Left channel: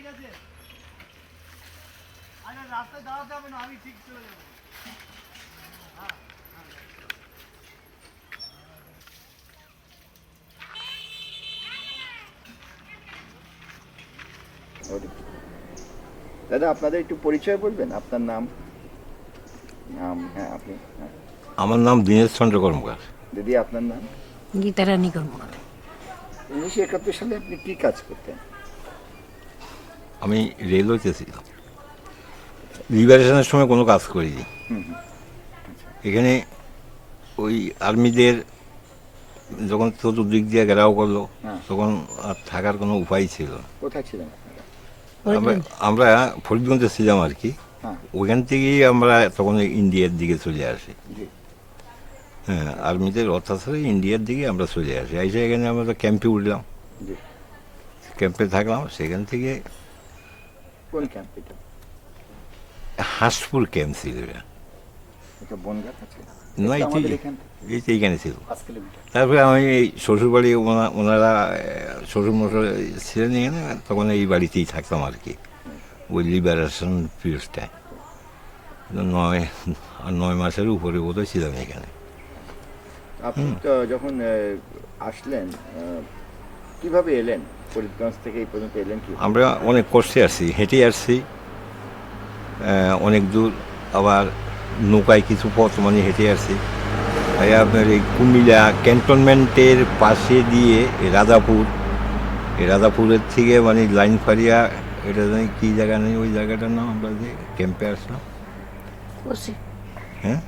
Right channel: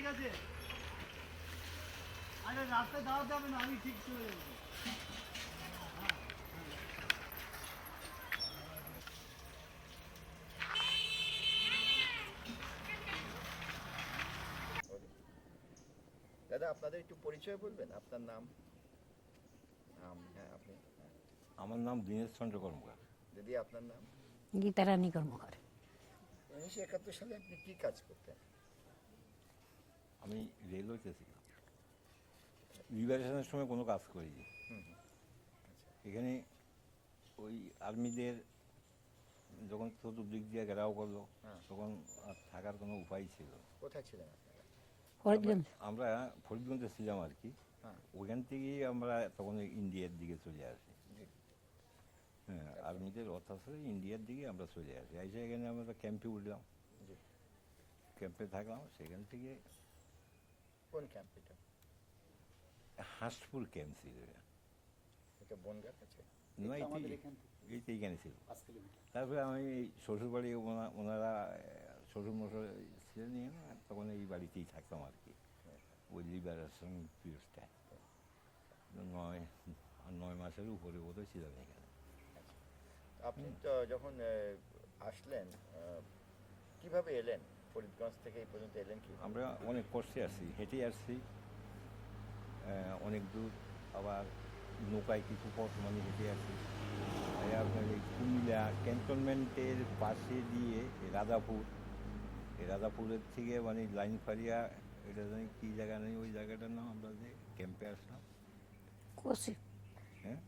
ঠিক আছে, আরে রাস্তায় দাঁড়াতে হবে না, আমি ঠিক চলে যাবো। দাদা আপনাদের একটু পরিচয় বলবেন, আপনার নাম? হ্যাঁ আপনি। হ্যাঁ আমার নাম দীনেশ চন্দ্র কর্মকার। দিদি আপনার নাম? গীতারানী কর্মকার। 1971 সালে আপনি কি কাজ করতেন? আমি রেলওয়েতে ছিলাম, লিবারেশনের সময় কোনো কাজ করিনি। এখানে ওই আর্মিদের যখন চতুর্দিক দিয়ে ঘেরাও করলো, তখন আর থাকার কোনো উপায় ছিল না। কোথায় ছিলেন আমরা ফরিদগঞ্জে ছিলাম আর কি। ওইখান থেকেই আমরা তখন ইন্ডিয়ার দিকে চলে আসি। হ্যাঁ, আর্মিদের অত্যাচারে ইন্ডিয়ার দিকে আমরা চলে আসি। এসে এখানে আমরা ক্যাম্পে উঠলাম, ক্যাম্পে থাকলাম। সেখান থেকে কোন ক্যাম্প এটা? হাঁসপুর ক্যাম্প ছিল। এটা বনগাঁ আছে না, এইখানে ছিল। 5 কিলোমিটার। তারপরে আমি এই শ্বশুরবাড়ি, ওনারা শ্বশুরমশাই ছিলেন এখানে, তখন এই বাড়িতেই থাকতাম আর কি, ওই লিবারেশন পিরিয়ডটায়। 9 মাসের উপরে বোধহয় ছিলাম এখানে। আপনি তো যখন আসলেন, কিভাবে এলেন? ফরিদগঞ্জ থেকে এই পর্যন্ত এলেন কি? আমরা অনেক কষ্টে আসছি, হেঁটে আসছি অনেক দূর, আবার নৌকায় কিছু পথ মানে হেঁটে আসছি। তাই আপনার এই কুমিল্লা ক্যান্টনমেন্টের পাশে দিয়ে এই রাজাপুরের থেকে মানে লাইন ফারিয়া, এটা জানি কী জায়গা নেই, ওই জায়গাটার নাম, আমরা যে ক্যাম্পে আসলাম। হ্যাঁ,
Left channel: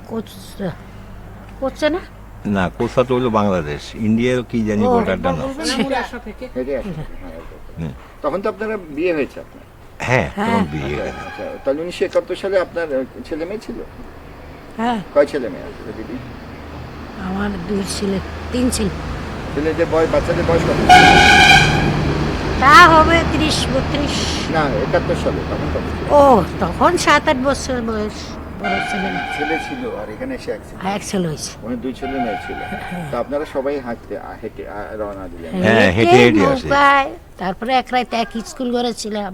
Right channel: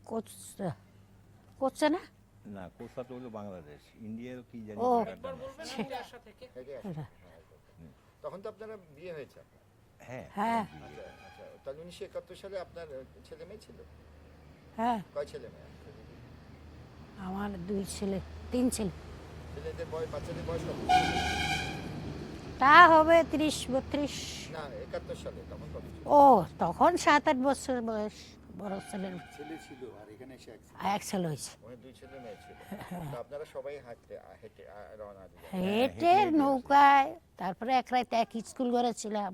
করছে না, না কোথা তো হলো বাংলাদেশ, ইন্ডিয়ার কি জানি বর্ডারটার নাম। হেঁটে আসলেন? তখন তো আপনারা বিয়ে হয়েছে আপনার? হ্যাঁ, তখন বিয়ে গেছে। আচ্ছা, তাহলে 1971 সালে আপনার ছেলে মেয়ে ছিল? হ্যাঁ, কয় ছেলে মেয়ে আছে দিদি? আমার 2 ছেলে 3 ছেলে। ছেলেদের বয়স, বাচ্চাদের বয়স কত? তা হবে 30-32। না, 71 সালে তখন কত ছিল? ও তখন 7-8 বছর বয়স। বড় ছেলে না, ছেলে ছিল, আর এখানে এসে এক ছেলে। এক ছেলে হয়েছে। মানে 2 ছেলে মেয়ে ছিল। তো আপনারা সবাই হেঁটে রওনা দিলেন? হ্যাঁ, হেঁটে হেঁটে আসি। নৌকায়, তারপরে এক রাত এক স্কুল ঘরে ছিলাম,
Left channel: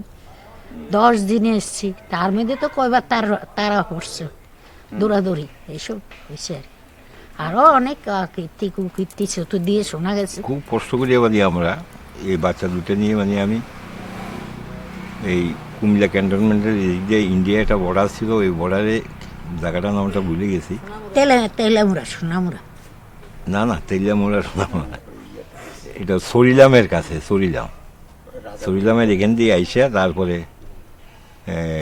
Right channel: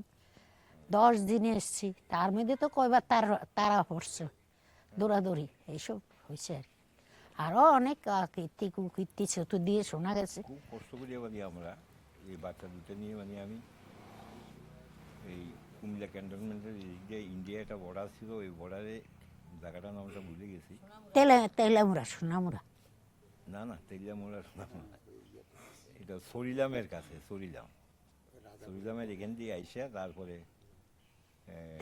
10 দিনে এসছি। তার মধ্যে তো কয়বার তারা পড়ছে, দৌড়াদৌড়ি এইসব হয়েছে আর কি। আরো অনেক কীর্তি কুকীর্তি চতুর্দিকে শোনা গেছে। খুব কষ্ট করে মানে আমরা এই বাচ্চা দুটো নিয়ে মানে আমি এই কুমিল্লা ক্যান্টনমেন্টের এই যে ইন্ডিয়া একটা বর্ডার ছিল, ওই বর্ডারে জায়গাটার নামটা ভুলে গেছি। তেলামুড়া, সোনামুড়া। না, তেলিয়ামোড়া না, এটা সরিলামের কাছে। সরিলামের এখান দিয়ে আইসা তারপরে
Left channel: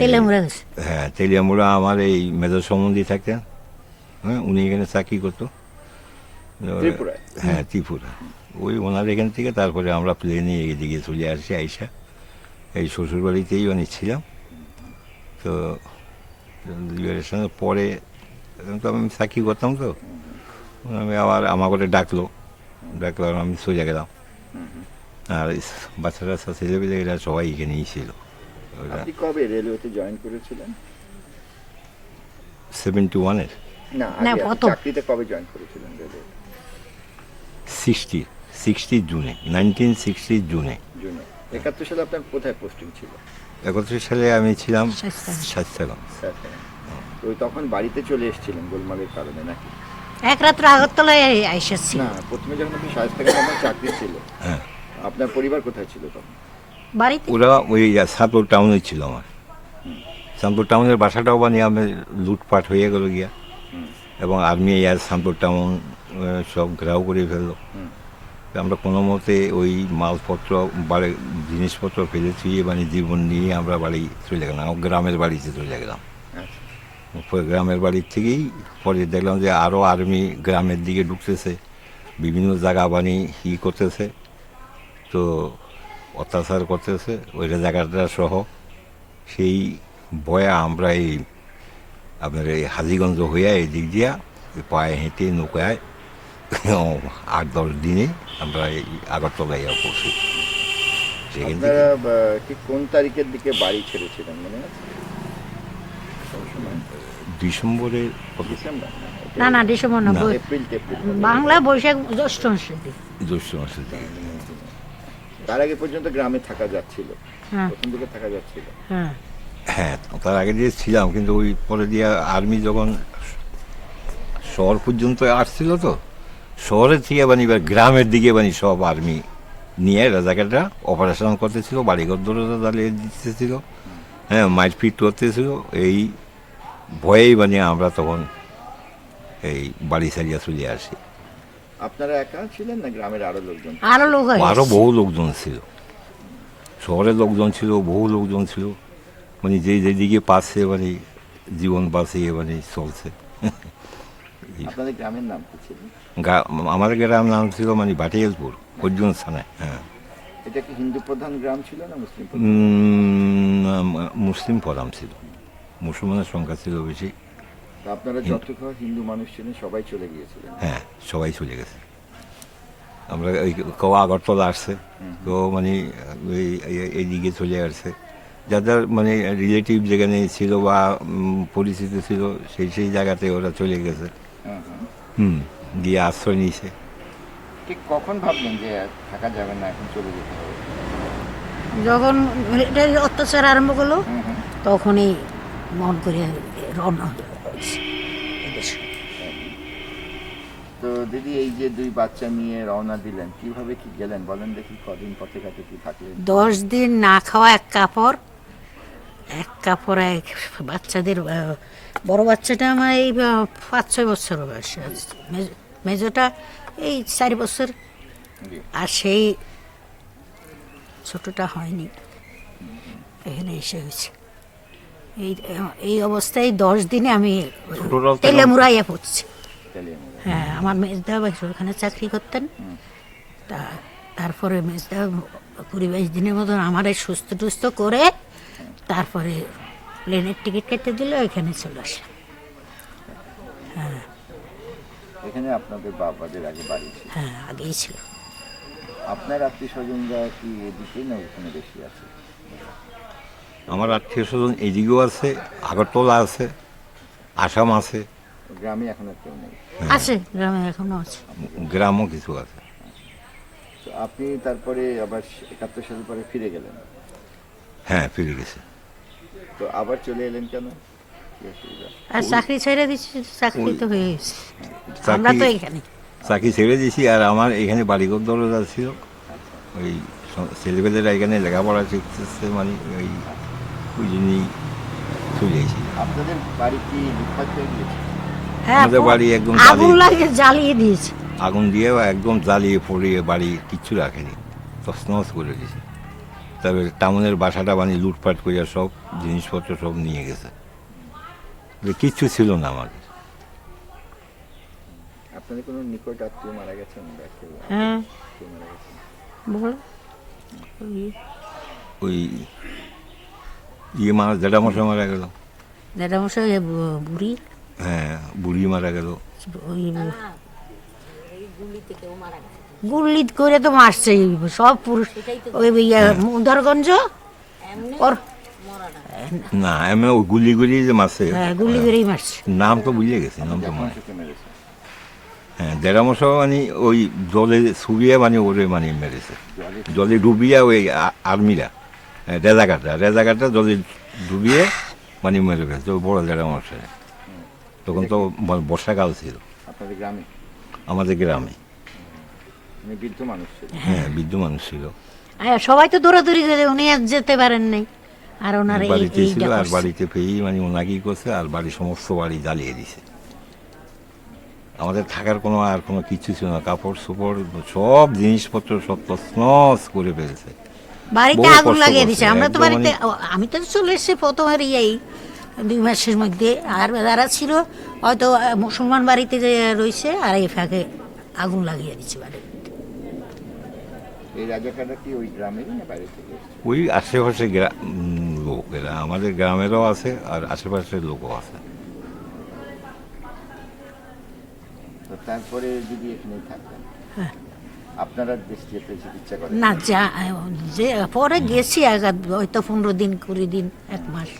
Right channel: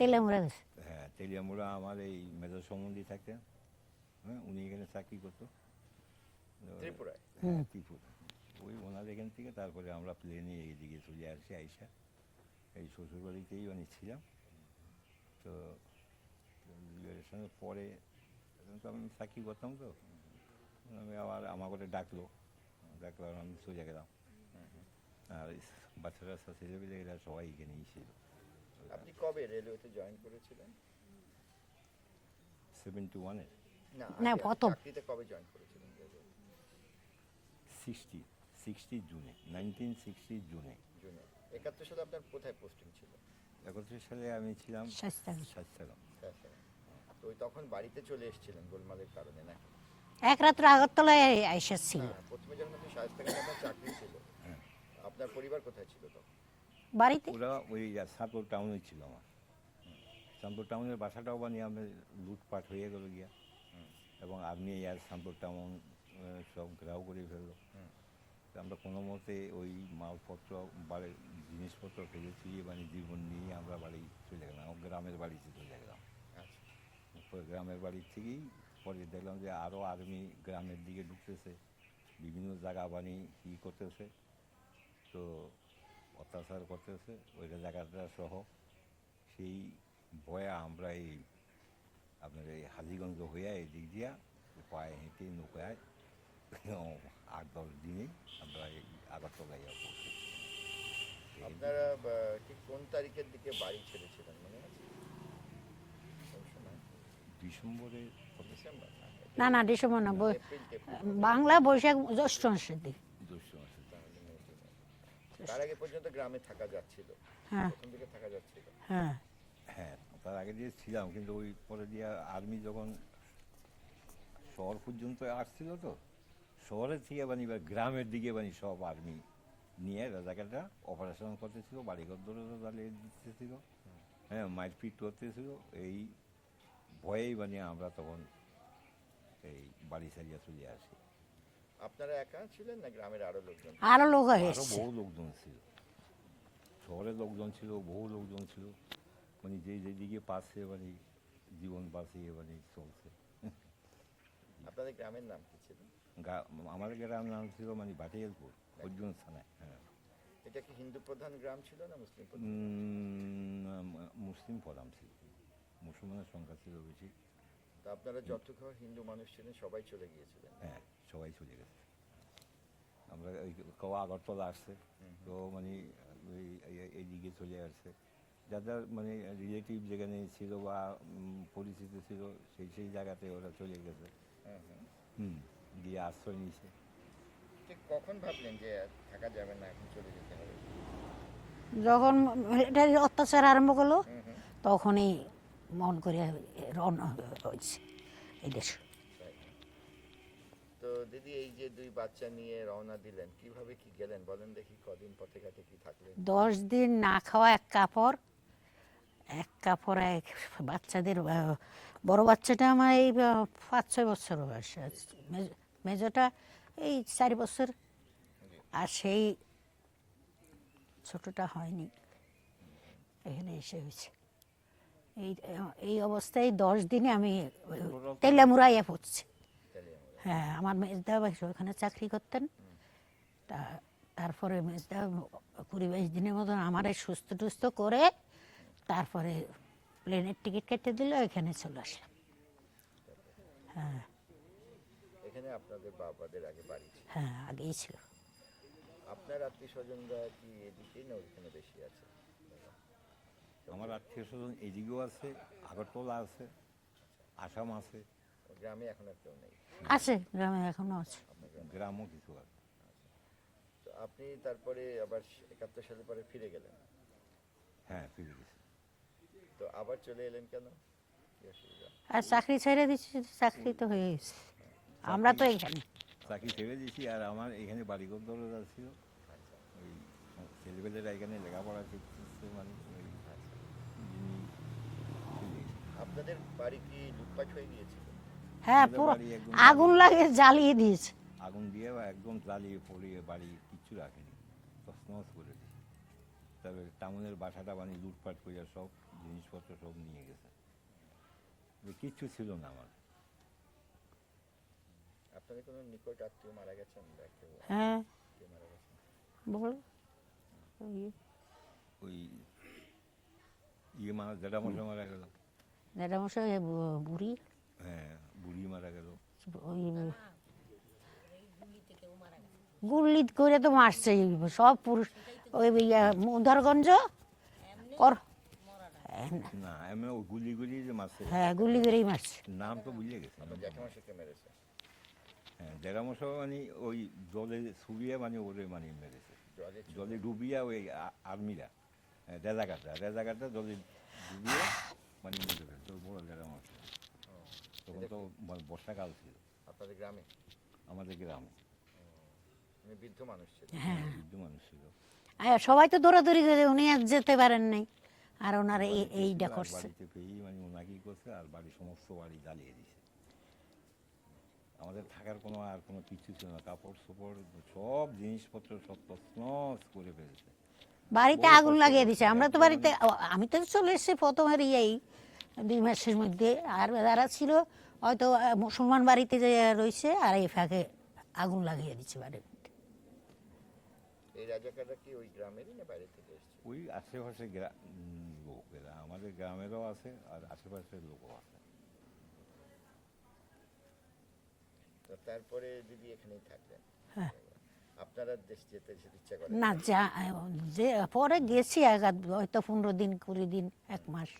তেলামুড়া গেছে। হ্যাঁ, তেলিয়ামোড়া আমার এই মেজর সম্বন্ধী থাকতেন। হ্যাঁ, উনি এখানে চাকরি করতো। ত্রিপুরায়? হ্যাঁ, ত্রিপুরা। ওই ওনার এখান থেকে তারপরে আমরা প্লেনে এদিকে চলে আসি। আইসা এই শ্বশুরবাড়িতেই অনেক ছিলাম। তো লিবারেশনের পরে তো আমি চাকরি করতাম, তো আমি আবার আমার করে ডাকলো, আর আমি সোজা গেলাম। আর বাচ্চারা ছেলেপেলে এরা সবাই এখানেই ছিল। আপনি কবে রেলওয়েতে জয়েন করেছিলেন? 71-এর না, না, আগে প্রথম। চাকরিতে কবে জয়েন করেছিলেন রেলওয়ে? 60 জুনে, 1960 জুনে। জুনে। 71 সালে আপনার কোথায় পোস্টিং ছিল? 71 সালে আমি ছিলাম শায়েস্তা। শায়েস্তাগঞ্জ। তো তখন বাড়িতে চলে এসেছিলেন গোলমালের কারণে নাকি? এক রাত্র আগরতলায় আইসেছি। না, প্রথমে যখন আপনি শায়েস্তাগঞ্জে আপনার চাকরি ছিল, হ্যাঁ, আপনার পরিবার কোথায় ছিল তখন? বাড়িতে ওরা ওই সাতপুর টাউনে ছিল আমার। সানপুর টাউনের বাসাটাও বানিয়ে আমি লুটপাট হয়ে গেল গিয়া, এবং আর্মি আর সানপুর টাউন সব ঘেরাও করে ফেললো। আমরা কোনো মতে ওই মালপত্র বাড়ি, জিনিসপত্র ফেলে থুয়ে মানে জীবন নিয়ে আমরা বাড়ি চলে গেলাম, গ্রামের বাড়িতে চলে গেলাম। গ্রামের বাড়ির থেকেই পরে দেখলাম যে আরও আর্মি গ্রামের দিকে ঢুকতেছে, বিভিন্ন জায়গা বানি করতেছে, তো অত্যাচার করতেছে ওইটা জায়গাটা সহ। সেই ভয়ে আমরা এই আপনার এই হাজিগঞ্জ হইয়া এই দিক দিয়া পায়ে হেঁটে নৌকায় 8-10 দিনে আমরা এই আগরতলায় পড়ছি। সেখান থেকে আপনারা ঠিক কোন তারিখের দিকে বাড়ি ছেড়েছিলেন মনে আছে? কোন সময়? ডিসেম্বরের ডিসেম্বর? না, ডিসেম্বর না, না। এপ্রিল? বাংলা বৈশাখ জ্যৈষ্ঠ মাসের দিকে। জ্যৈষ্ঠ মাসের দিকে। তার আগে পর্যন্ত গ্রামে থাকা যাচ্ছিল, হ্যাঁ প্রথম দিকে থাকা যাচ্ছিল। হ্যাঁ হ্যাঁ, তার আগে দিয়ে ছিলাম, কিন্তু ওই পরে দিয়ে আর্মি যখন শহর পর্যন্ত আসছিল, তো শহরের থেকে মানে এবার গ্রামের দিকে মানে সব আর্মি নিয়ে রাজাকাররা অপারেশন করতেছিল, বাড়িঘর দরজা জ্বালিয়ে দিতেছিল, হ্যাঁ, মারপিট করতেছিল। এই ভয়েই মানে আমরা তখন এই বাড়ি ছাড়িয়া চলে আসি। আপনারা একা ছিলেন না গ্রামের আরো লোকজন? আরো লোক হয় আরও বহু লোকজন ছিল, শহরের লোকজন ছিল, বহু লোকজন ছিল, মানে যেদিকে পাচ্ছে মানে জীবন বাঁচিয়ে মানে চলছে। আপনাদের গ্রামের নাম কি ছিল? আমাদের গ্রাম নাম ছিল মানে ভাটিয়ালপুর, অর্জুন থানায়। হ্যাঁ, এটা কি হিন্দু প্রধান গ্রাম ছিল না মুসলিম প্রধান? মুসলিম প্রধান ছিল, মুসলমানের সংখ্যা ছিল বেশি। তো আপনারা যত হিন্দু মানুষ ছিলেন সবাই চলে গিয়েছিলেন? হ্যাঁ, সবাই চলে গেছে। আমরা ওই কেউ আগরতলা আসছে, কেউ মানে এইদিকে চলে আসছে, যাদের মানে রিলেটিভ যেখানে ছিল বা পরিচিত ছিল সেই জায়গাতে ওরা চলে গেছে। হ্যাঁ, হ্যাঁ। গিয়ে আশ্রয় নিয়েছে। ঠিক কখন ভাবলেন যে থাকা যাবে না, এখন চলে যেতে হবে? যখন মিলিটারি অত্যাচার আরম্ভ করলো হুম, হুম। তখনই মন করে রওনা হয়েছে এদেশে। তো দিদি, এই যে দুই বাচ্চা নিয়ে রওনা দিলেন, কিভাবে কি গেলেন বলেন দেখি, কদিন পথে ঘাটে কি থাকলেন? 10 দিন না খাওয়া, এক কাপড় এক বাচ্চাদের বড় বাচ্চাটা আমার এই 5-6 বছর বয়স, মেজোটা এই 4 বছর, জি। আর সেই ছোটটা হয়নি, এখানে এসে হয়েছে। এই এই অবস্থায় 10 দিনে আমি ছোটরাও তো তেলেমুড়াইয়া পড়ছি। তাহলে আমরা- হ্যাঁ, আমার মেজদা ওখানে চাকরি করতেন। তারপরে মেজদা 20-22 দিনের মতন আমার সুস্থ টুস্থ করে তারপরে প্লেনের টিকিট কেটে দিল, এখানে চলে আসলাম। এখানে আপনাদের বাবাদের আগে বাড়ি ছিল? হ্যাঁ, আগেই ছিল। আপনার আত্মীয় স্বজনরা কি এদিকে না ওখানে বেশি আছে? আমার আত্মীয় স্বজন এইদিকেও আছে, আগরতলা আছে, আসাম আছে, গ্রামে এখন আর কেউ নেই? আছে, গ্রামে এখনো আছে। গ্রামও কিছু আছে। তো আপনি তারপরে আবার 71 সাল পরে ফিরে গেলেন? হ্যাঁ, ফিরে গেছে। তো আবার চলে এলেন কেন, কি অসুবিধা? আর চাকরি ছেড়ে দিচ্ছি, চাকরি তো হয়ে গেছে, আমরা তো এখানে। চাকরি ছেড়ে দিয়েছি, আর আমার এখানে বাড়িঘর দরজা ছিল, ওই ছেলেপেলেরা এখানে লেখাপড়া শিখতেছে, মানে ওই জন্যই চলে এসেছি। আপনাদের বাড়ি কি লুটপাট হয়ে গিয়েছে? হ্যাঁ, আমাদের বাড়ি একদম আগুন লাগিয়ে জ্বালিয়ে দিয়েছে। আগুন দিয়ে একদম জ্বালিয়ে পড়িয়ে বাড়ি কিচ্ছু রাখেনি, তছনছ করে দিয়েছে। তবে টাউনের বাসাটা মানে লুটপাট করে সব জিনিসপত্র সব নিয়ে গেছে, কিচ্ছু ছিল না আমাদের। আপনাদের কোনো নিকট আত্মীয় মারা গেছেন বা কেউ হ্যাঁ, কেউ মারা গেছেন? বল। ওই মারা জেঠামশাই মারা গেল। জ্যাঠামশাই বুড়ি, হ্যাঁ, বুড়ি মারা গেল। ওই গুলি করে তো মারছে সব পুরুষ। ওই মুদারগঞ্জ ওর, না, এমনি ওই গুলি গুলি যে মারছে, হ্যাঁ, গুলি করেই মারছে। নাম তো বুঝে গেছে, নাম তো মনে। কে মেরেছে? হ্যাঁ, জেঠামশাই মানে ওই জলে ছুবিয়ে মানে ওরে মানে মেরেছে, জলে ডুবিয়ে ওই আর্মিরা, রেজাকারটা জলে ডুবিয়ে মানে মেরে ফেলছে ওই বড় জেঠামশাই। তখন তো বর্ষাকাল ছিল আপনাদের গ্রামে? আমাদের গ্রামে। মানে বৃদ্ধ মানুষ ছিল? হ্যাঁ, বৃদ্ধ মানুষ ছিল, সবাই তো দৌড়াদৌড়ি করে, উনি আর যেতে পারেন নাই। আর ওনার বাড়িতে ছিল, এইটা আর করছে। বাড়িতে পেয়েই মানে ওনাকেই করছে, আর বাড়ি সমস্ত বাড়ি জ্বালিয়ে দিছে। আমাদের থাকার কোনো আর কোনো কিছু ছিল না, কাপড় চোপড় সব জিনিসপত্র সব তছনছ করে ফেলছে। বাড়িতে বহু আগুন কষ্ট লাগিয়ে করছে, দিছে। আমরা তো একদম বাড়িতে, আমি তো চলে এসেছি প্রথমের 2 মাসের মধ্যে। আর যারা ছিল হয়তো মুসলমান বাড়িতে যে রয়েছে, আর এই ফাঁকে আগুন লাগিয়ে দিচ্ছে বাড়িতে। এই রাজাকাররা কি ওই গ্রামেরই না বাইরে থেকে এসেছে? ওই আশেপাশে লোক, এরা আমাদের গ্রামেরও আছে আর আশেপাশের লোকও আছে। তো তারপরে যদি এখানেই থাকতেন, হ্যাঁ। আপনারা দেশ যেতে ইচ্ছা করেন? না, যে পরে গেছি হয়তো 15 দিন 20 দিন 1 মাস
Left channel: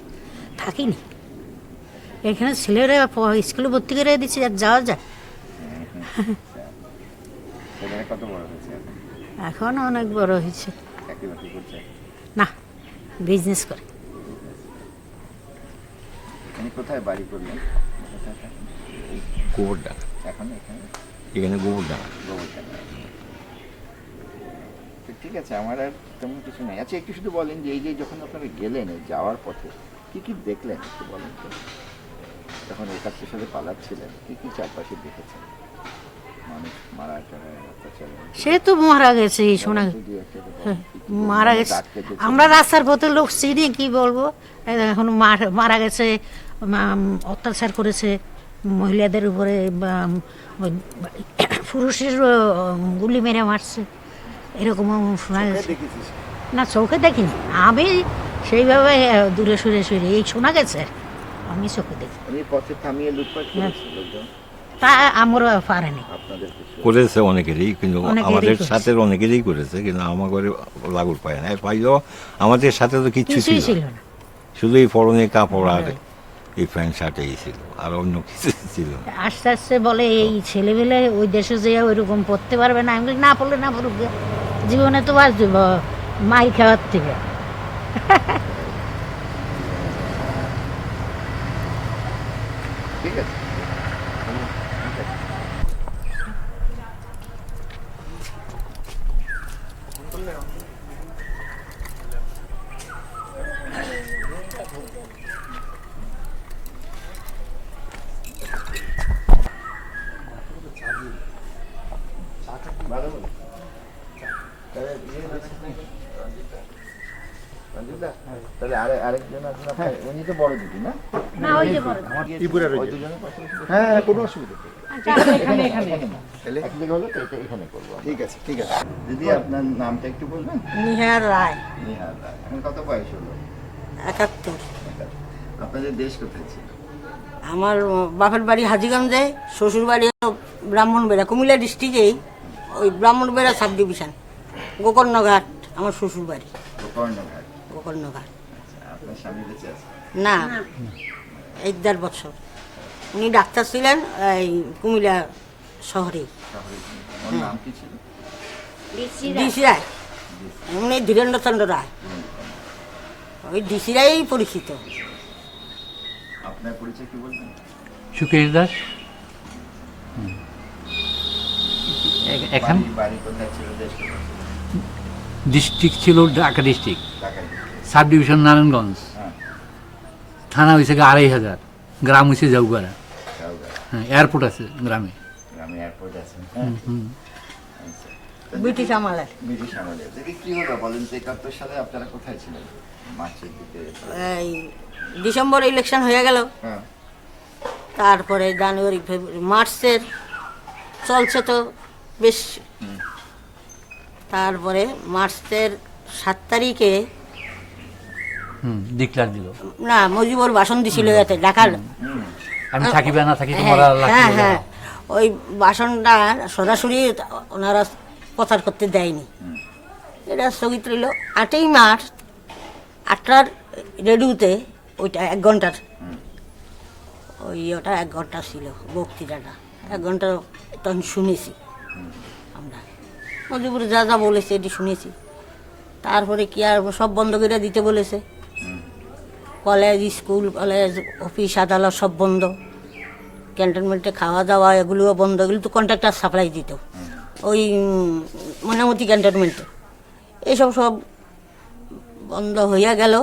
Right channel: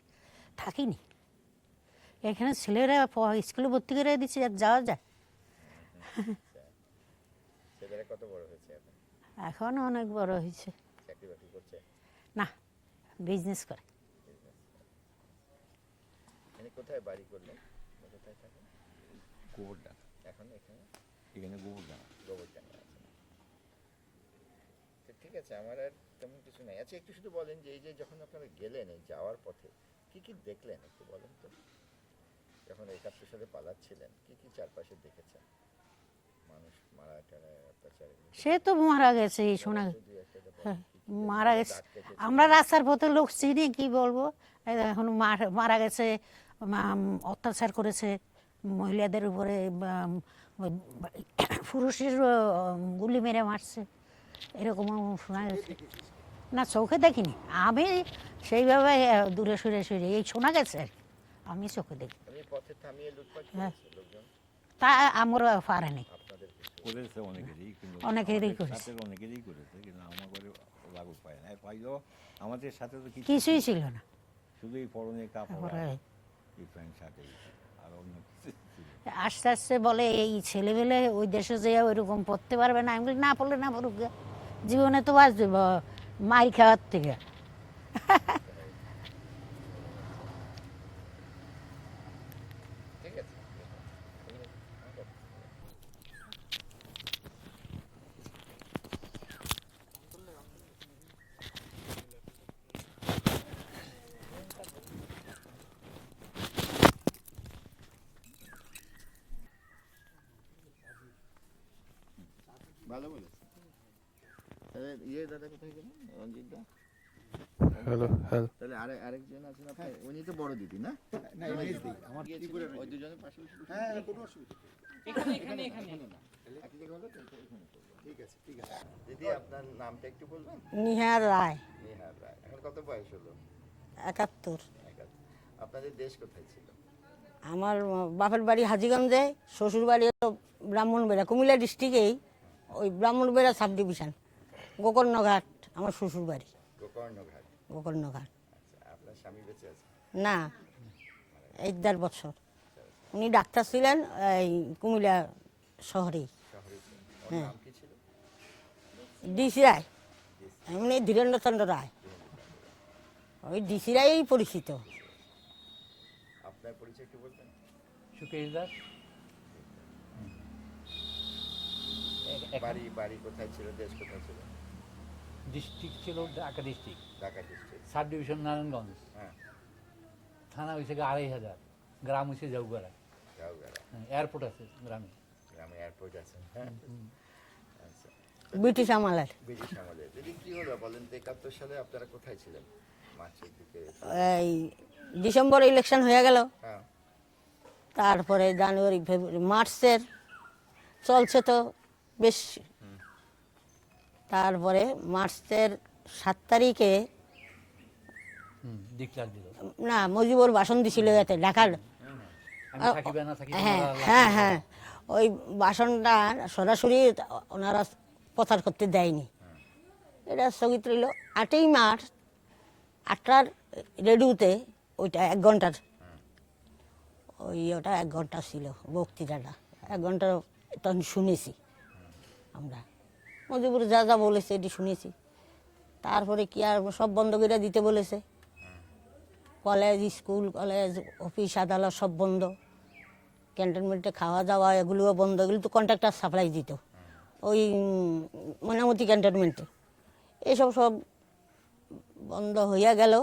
থাকিনি। এখানে ছেলেরা স্কুলে ভর্তি করে দিচ্ছে, আর যাওয়া যায়। ছেলেরা কত বড় হয়েছে এখন? এখন অনেক বড় হয়েছে। চাকরি বাকরি করছে? না, বিজনেস করে। এখানে কোথায় বাড়ি করলেন? কোথায় থাকেন? গোবরডাঙ্গা, এখন এখানে এখানে গোবরডাঙ্গা। গোবরডাঙ্গা। তো ঠিক আছে, আমার আর তেমন কিছু নেই। আচ্ছা, একটু শুধু বলেন যে এই যে যখন আপনারা গেলেন এই যাওয়ার পথে কি কি দেখলেন একটু বলেন তো। যখন ওই কাজটার সাথে পালাচ্ছিলেন কি কি চারপাশে দেখেছেন? মানুষ মারা টারা অত্যাচার? সে তো মারা গেছে, এই শোনা যদি একটা কথা হ্যাঁ, কি কি মারা মানুষ গেছে। আটকে দিয়েছে? আমরা রাস্তার পথে লোক চিনি, কি বলবো। এখন মারা গেছে, অত্যাচার করেছে মহিলাদের উপরে, পুরুষের গুলি মেরে মারছে, এরকম শোনা গেছে। দেখেছিস? না, চোখে দেখিনি আমি, সেইভাবে দূরে সরে সরে এই শোনা গেছে আর কি। আমি চোখে দেখি উনি পথে থামিয়ে লুটপাট হ্যাঁ। করেছে লোকজন তা আমরা পারেনি। আপনাদের কিছু? করেছে অনেকেরই, কিন্তু অনেকেরই আমাদের করেছে। সাথে অনেকেরই করেছে, কিন্তু আমার ঘরে লাগুর পায় না। পাইলেও আমাদের সাথে তো কিচ্ছু কিছুই ছিল ছিল না। না। শুধু এই পরনে কাপড় আর এই প্যান্ট শার্টেই ছিল, আর অন্য কিছু ছিল না। আস্তে আস্তে বলে এই ছেলেবেলে ওই দেশে যেয়ে ওইরকম পড়তে পারবে না। আমি বলি, না পড়লে না পড়ুক গে। জীবনে তো বাঁচবে মাই খাওয়ার থেকে। ঠিক আছে। ভালো বলো। তাহলে আরেকজন আছেন আপনার, উনি তো বড় দিদি না? না, ওই যে বড়। ওই দুজনের পাশে হ্যাঁ কোনো অসুবিধা নেই। এখানে এক জায়গা হলো তো এখানে করবো। ঠিক আছে, ঠিক আছে। দিদি আপনার নামটা একটু বলবেন? নিহার রায়, নিহার রায়। এখন কত বয়স হলো? 71। আপনাদের দেশ কোথায় ছিল? আমার বাপের বাড়ি হাজিগঞ্জে, শ্বশুর বাড়ি হলো ব্রাহ্মণবেড়া, কুমিল্লা ডিস্ট্রিক্টেই, ওই ব্রাহ্মণবেড়া সাব ডিভিশন, গোকর্ণঘাট আমার শ্বশুর বাড়ি। কর্ণঘাট। গোকর্ণঘাট। আচ্ছা, আপনার স্বামী বেঁচে আছে? না, 1.5 বছর। উনি ডাক্তার ছিলেন এই কুমিল্লা শহরেই। ওর নাম কি ছিল? ডিসি রায়, উনি ধীরেন্দ্রচন্দ্র রায়, ওই ডিসি রায়ই পরিচিত। আপনার পরিচয় কি বলবেন? সুকেশ দাস। এখান বাড়ি কোথায় ছিল, দেশ কোথায় ছিল? ডিস্ট্রিক্ট ছিল ঢাকা ডিস্ট্রিক্ট, ঢাকায়। সাব ডিভিশন নারায়ণগঞ্জ, হ্যাঁ, থানা হয়েছে 2500, গ্রাম হয়েছে জাউগাড়া। যাওগা। হ্যাঁ, এয়ারপোর্ট আছে গ্রামে। গ্রামে এয়ারপোর্ট আছে। হ্যাঁ। আচ্ছা। ব্রিটিশ আমলের ব্রিটিশ আমলে। দেখি কি হলো বলেন তো, 71 সালে আপনারা কোথায় ছিলেন? মার্চের দিকে। এই ডিসেম্বরে ইলেকশন হয়ে গেল, হ্যাঁ। তারপরে জানুয়ারি ফেব্রুয়ারি মার্চের চলছে তো বেশ। তারপরে মার্চের 7 তারিখে ডিক্লার দিল, না মুজিবুর ভাষণ দিছিল এতে ঢাকার। আমি থাকি বা না থাকি হ্যাঁ, তোমার আল্লাহ হ্যাঁ কি বলে। হ্যাঁ, ওই ভাষণটা সরাসরি ওনারা প্রচার করতে দেয়নি, এটা স্থগিত রইল। 8ই মার্চ 8টার রেডিওতে ওইটা 1 ঘন্টার, ওটা 1 ঘন্টা ছিল বক্তৃতাটা, 1 ঘন্টা তখন শুনেছি আমরা। মজিবুর যা যা বলেছে এটি শুনেছি। তারপরে কি আর সব বন্ধ করে দিতে বলেছে, কলেজ স্কুল কলেজ অফিস আদালত সব বন্ধ, ক্যান্টনমেন্টে খাওয়া দাওয়া এগুলোও বন্ধ। এগুলো তো কন্ট্রাক্টর সাপ্লাই দিত ওই মনামতি ক্যান্টনমেন্টে, এইসব সব বন্ধ হইয়া গেল।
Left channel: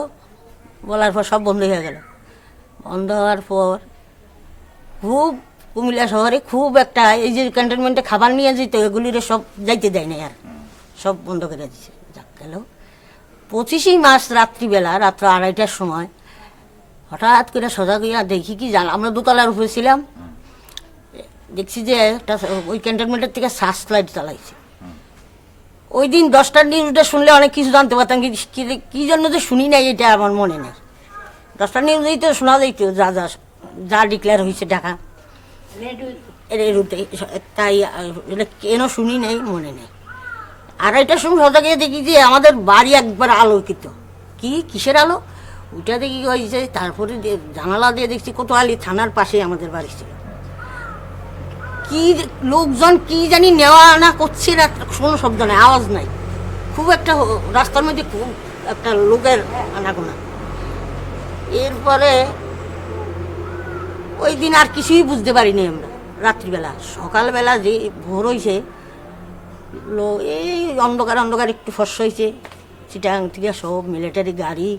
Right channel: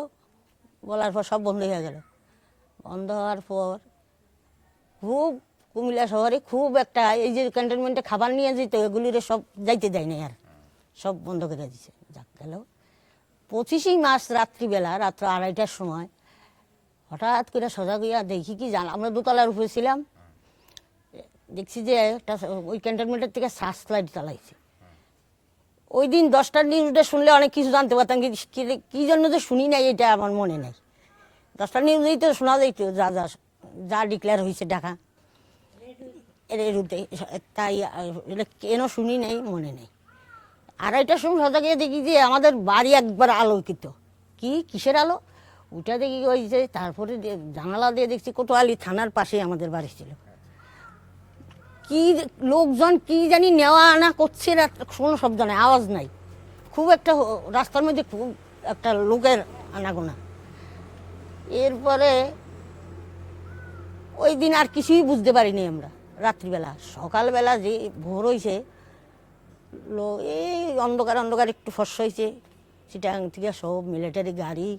বলার পর সব বন্ধ হয়ে গেল। বন্ধ হওয়ার পর খুব কুমিল্লা শহরে খুব একটা, এই যে ক্যান্টনমেন্টে খাবার নিয়ে যেত এগুলির সব যাইতে দেয় না, আর সব বন্ধ করে দিচ্ছে। যাক গেল 25ই মার্চ রাত্রিবেলা, রাত্র 2:30টার সময় হঠাৎ করে সজাগ হইয়া দেখি কি জান, আমরা দোতলার উপরে ছিলাম, দেখছি যে একটা ওই ক্যান্টনমেন্টের থেকে সার্চ লাইট চালাইছে। ওই দিন 10টার নিউজটা শুনলে অনেক কিছু জানতে পারতাম, কি জন্য যে শুনি নাই এটা আমার মনে নেই। 10টার নিউজেই তো শোনা যাইত যা যা যা ডিক্লেয়ার হয়েছে ঢাকা রেডিওতে, তাই এটা কেন শুনি নাই মনে নেই। 2:30টার সময় সজাগ দেখি যে আমাদের বাড়ি একবার আলোকিত। কিসের আলো ওইটা দেখি হয়েছে। তারপরে জানালা দিয়ে দেখছি কোতোয়ালি থানার পাশে আমাদের বাড়ি ছিল। কি লোকজন কি জানি নেওয়া আনা করছে, কোনো শব্দ নাই, আওয়াজ নাই, খুব একটা রাস্তার মধ্যে খুব একটা লোকের আনাগোনা। এরপরে ওই দিন আর কিছুই বুঝতে পারিনি আমরা রাত্রিবেলা। সকালবেলা যে ভোর হয়েছে, এই অন্ধকার অন্ধকার একটু ফর্সা হয়েছে, চিটাগাং থেকে সব মিলিটারি গাড়ি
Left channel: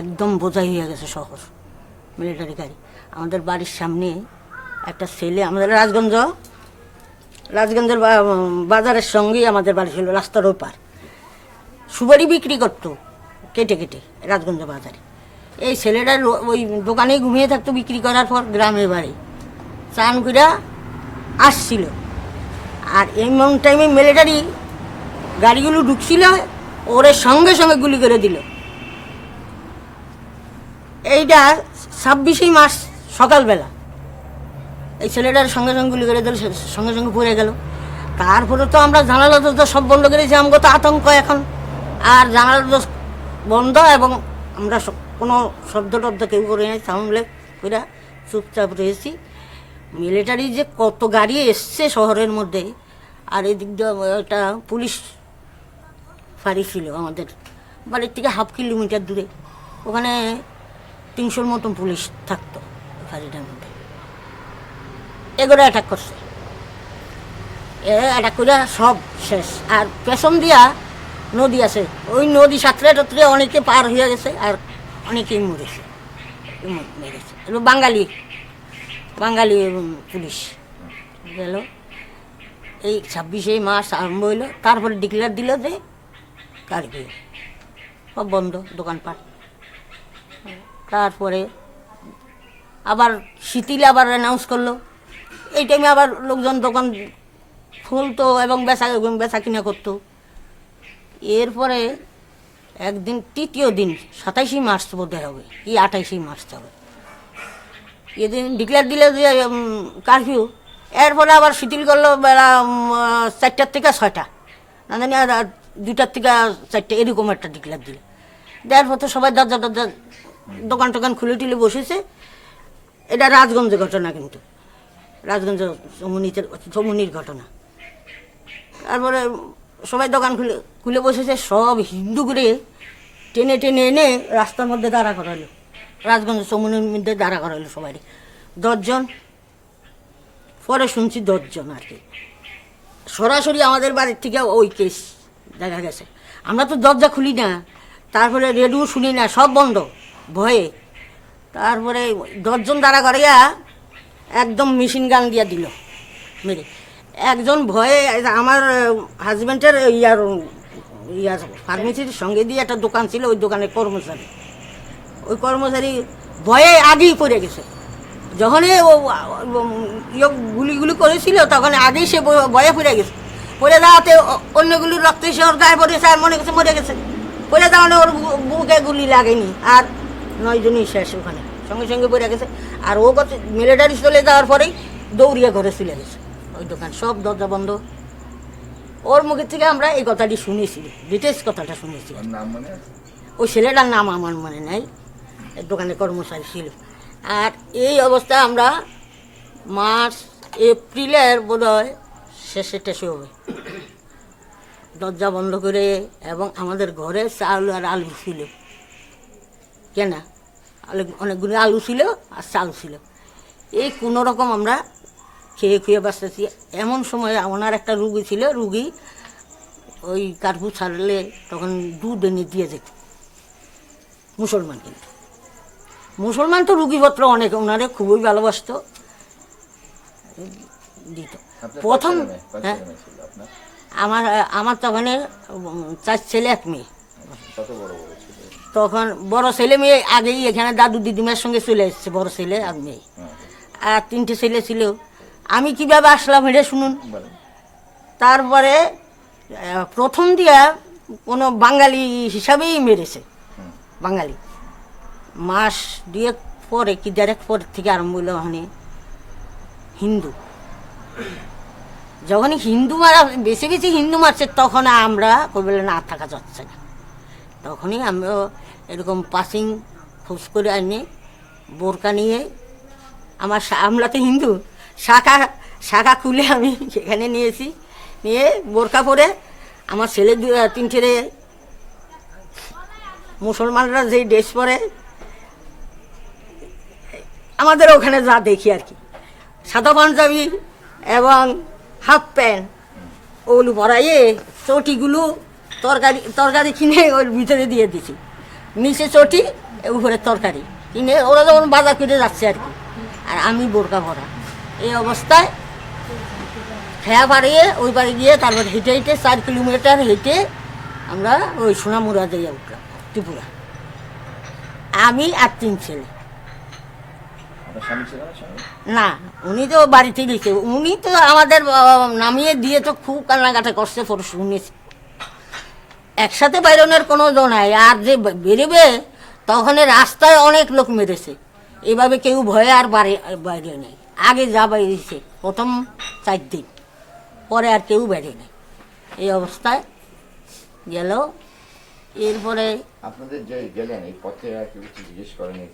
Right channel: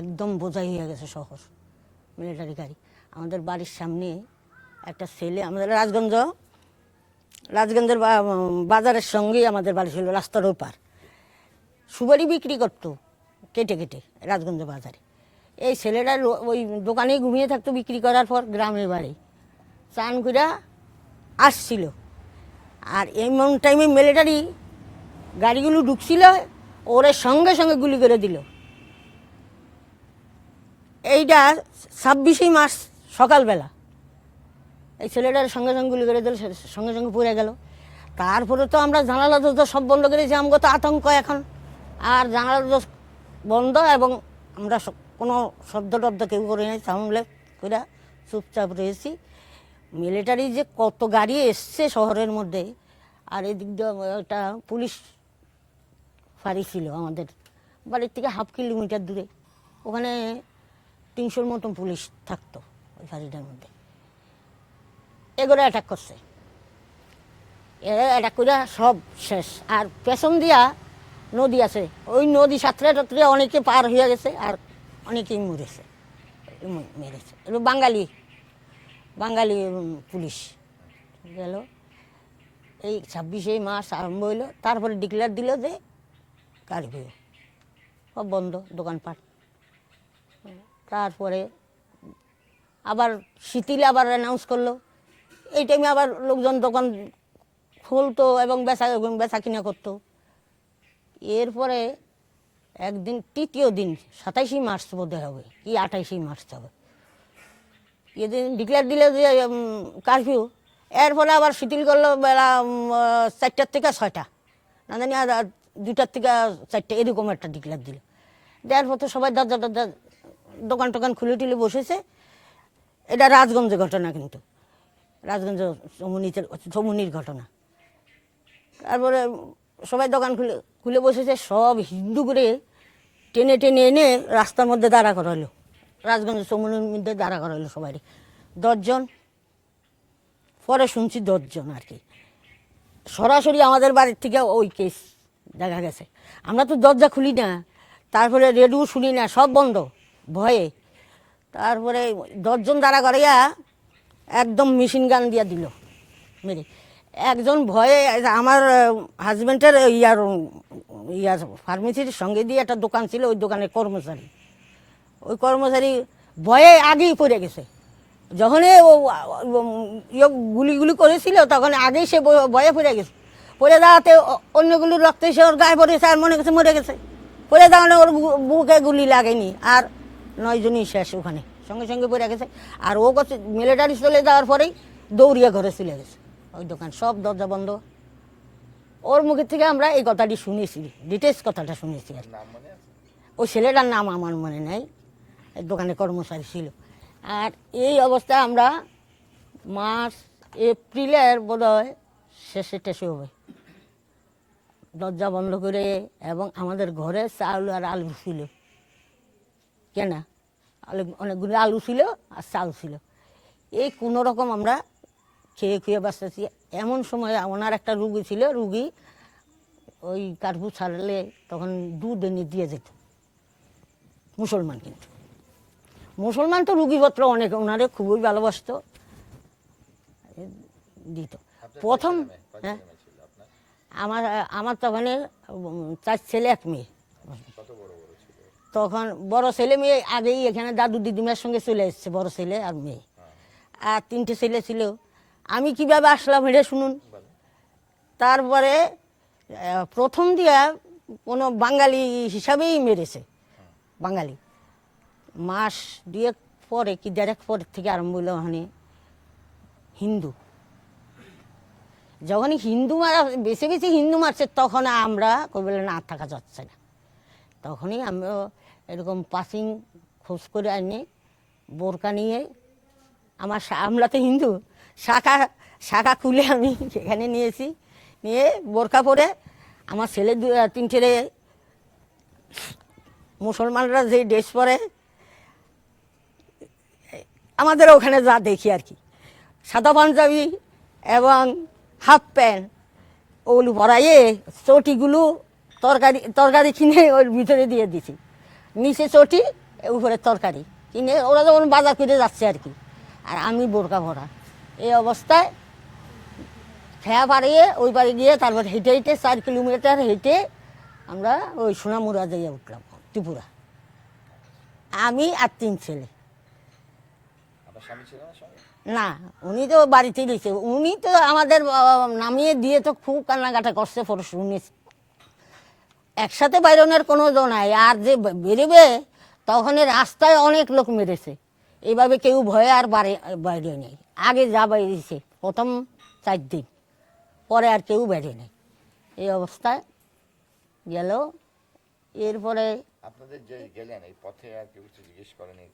একদম বোঝাই হয়ে গেছে শহর, মিলিটারি গাড়ি। আমাদের বাড়ির সামনে একটা ছেলে, আমাদের রাজগঞ্জের বাজারের সঙ্গেই আমাদের বাড়ি ছিল, রাস্তার ওই পার। সুপারি বিক্রি করতো কেটে কেটে রাজগঞ্জ বাজারে। এই ছেলেটা ওই দোকানেই ঘুমিয়ে থাকতো, বিক্রি করার পর গ্রামের বাড়ি চান করে আসছিল। আর এমন টাইমে মিলিটারি গাড়িগুলো ঢুকছিল, ওরে সঙ্গে সঙ্গে গুলি করে দিল। এইটা 26শে মার্চ সকালবেলা এই ছেলেটার সঙ্গে সঙ্গে গুলি করে দিল, সঙ্গে সঙ্গে পড়ে গেল। তারপরে তো আমরা জানালা তো সব বন্ধ করেছি, আমাকে তো আতঙ্ক এখন। আর জানালা বন্ধ, এবং আমরা কোনো শব্দ টব্দ কেউ করে নাই, সাউন্ডলে পুরা চুপচাপ রয়েছি। মিলিটারি যে কত গাড়ি এসছে শহরের মধ্যে, আর এদিক দিয়ে একটা পুলিশ ফাঁড়ি ছিল আমাদের বাড়ির থেকে 1/2 কিলোমিটার দূরে। ওখানে 300-র মতন পুলিশ থাকতো ফাঁড়িটার মধ্যে। এগুলো অ্যাটাক করছে, অ্যাটাক করে সব শেষ। আর পেছন দিয়া নদী আছে, ওই নদী সাঁতরে টাতরে অনেকে পার হয়ে গেছে, আর অনেকেই মেরেছে। বাঙালি পুলিশ গেল। এই 26শে মার্চ আরম্ভ হইলো, তারপরে ডিক্লেয়ার দিল যে কারফিউ, সব বন্ধ দোকানপাট। তারপরে আবার শিথিলে আবার অ্যানাউন্স করলো। এই টাইমে আবার লোকজন দোকান খুলতো এবং বেচা কিনা করতো। এরপরে একদিন, তৃতীয় দিন 27শে মার্চ বোধ হবে, কি 28শে মার্চ হবে, এদিন ডিক্লেয়ার দিলে যে কারফিউ। এরপরে আবার শিথিল করলো বেলা 4টার থেকে 6টা, না জানি আর 2টার থেকে 4টে, এরকম একটা ডিক্লেয়ার দিল। দেওয়ার পর তো সবাই দরজা দোকান টোকান খুলে টুলে বসেছে। এটা রাজগঞ্জের ঘটনা, কিন্তু রাজগঞ্জ চমুনির ঘটনা। তারপরে সবাই দোকান খুলে বসেছে, সব হিন্দু করে টেনে টেনে এনে রাস্তার মধ্যে দাঁড়া করাইলো, রাজগঞ্জ চমুনির মধ্যে দাঁড়া করাইলো সবাই। 10 জন, পরে শুনছি 10 জন আর কি। সরাসরি আমাদের বাড়ির থেকে ওই কেস দেখা গেছে। আমরা তো দরজা খুলি না, তারপরে রেডিও শুনি না, সব বন্ধ ভয়ে। তারপরে 10 জন দাঁড়া করাইয়া একদম মেশিন গান দিয়া দিল মেরে। একজন ভয়ে, আমার হাজব্যান্ডের ইয়ার ফার্মেসির সঙ্গে দিয়ে একটা দোকান ছিল, ওই দোকানের কর্মচারী, ওই কর্মচারী ভয়ে আগেই পড়ে গেছে। যখনই ও গুলি করেছিল তখন আগেই সে ভয়ে পড়ে গেছে। পড়ে যাওয়াতে অন্যগুলির রক্ত এসে ওর গায়ে পড়েছে, আর মনে করছে মরে গেছে। পড়ে যাওয়ানে ওর বুকে গুলি লাগেনি, আর 9 জনই শেষ ওখানে, সঙ্গে সঙ্গে পড়ে গেছে। আর ও করছে মিলিটারি চলে যাওয়ার পরেই দৌড়িয়া ঘরে চলে গেছে, ওই দোকান সব দরজা বন্ধ। ওর মুখের থেকে আমরা এই কথাটি শুনেছি, ডিটেলস কথাটা শুনেছি। ওই ছেলেটার নাম আমার মনে নাই, দোকানে কর্মচারী ছিল। আর এই অবস্থায় আমরা মার্চ এপ্রিলের বোধ হয় শেষে হবে, দরজা বন্ধ করে। এবং আমাদের ঘরে চাল আর আলু ছিল, কেনা অনেকগুলো আলু ছিল আর চাল ছিল। এই কোনো রকম আমরা খেয়ে বাঁচতেছি। এমন সময় ওনার একটা রুগী ছিল, রুগী ওই কার্ফিউ ছাড়লে তখন দুধ এনে দিয়ে যেত মুসলমান। কিন্তু মুসলমান তো রুগীপত্র অনেক, ওনারে খুবই ভালোবাসত, দিত। প্রথম হ্যাঁ, আমার তখন 4 ছেলে 1 মেয়ে। তখন বড় ছেলে মেয়ে আগেই এখানে দাদু দিদিমার সঙ্গে চলে এসেছে, বড় ছেলে আর মেয়ে। আর 3টে ছেলে ছিল। আমি কিভাবে আসলাম এটা শুনুন। তারপরে প্রথম দিয়া কোনো বাঙালি হিসাবেই মেরেছে, বাঙালি। মাস 2 পরে কি 1.5 পর থেকে আরম্ভ হলো ওখানে হিন্দু। যখনই হিন্দু মারা, বেশি বেশি হিন্দু মারছে, তখন আমরা কই বলে না থাকা যাচ্ছে না। তখনই আমরা এরকম পাসিং খোঁজ করে আনি বোরকা নিয়ে, আমরা তো হিন্দু, শাখা খুলে আমি সেখানে নিয়েছি, নিয়ে বোরকা পরে আমার ছেলে 3 ছেলে মুসলমানরা যে ড্রেস পরে আমাদের ওখানে যা দেখি আর কি, সাদা পাঞ্জাবি এবং হাফ প্যান্ট ওগুলো পরাইয়ে চটিগুলো তরকারি কিনে ওর ভিতরে দিয়ে দিছি, নিচে চটি উপরে তরকারি কিনে ওরা যখন বাজার করে যাচ্ছে আর কি, আর আমি বোরকা পরা। এই অবস্থায় খেয়া পাড়িয়ে ওই পাড়ে গিয়ে তারপর হেঁটে হেঁটে 4 কিলোমিটার হেঁটে আমরা ওই সোনামুড়া দিয়ে উঠলাম ত্রিপুরা, আমি আর 3 ছেলে। আপনার স্বামী ছিল না সঙ্গে? না, উনি তো বাড়িতে দিয়েছে, উনি তো আমাদের নামিয়ে দিয়ে তো খুব কান্নাকাটা করছে, পরে শুনেছি। একসাথে বাইরনের কোনো জন নাই, আর যে বেরোবে তখন রাস্তায় অনেক লোক মেরেছে, এইভাবে কেউ ভয়ে আর বাইরে নেই। আগে যা বাইরেছে প্রথম 4 দিন, পরে আর কেউ বাইরে নেই। এই অবস্থায় গেল। এরপরে আপনাদের যে গেলেন এই পথে আর কেউ কিছু জিজ্ঞেস করেনি?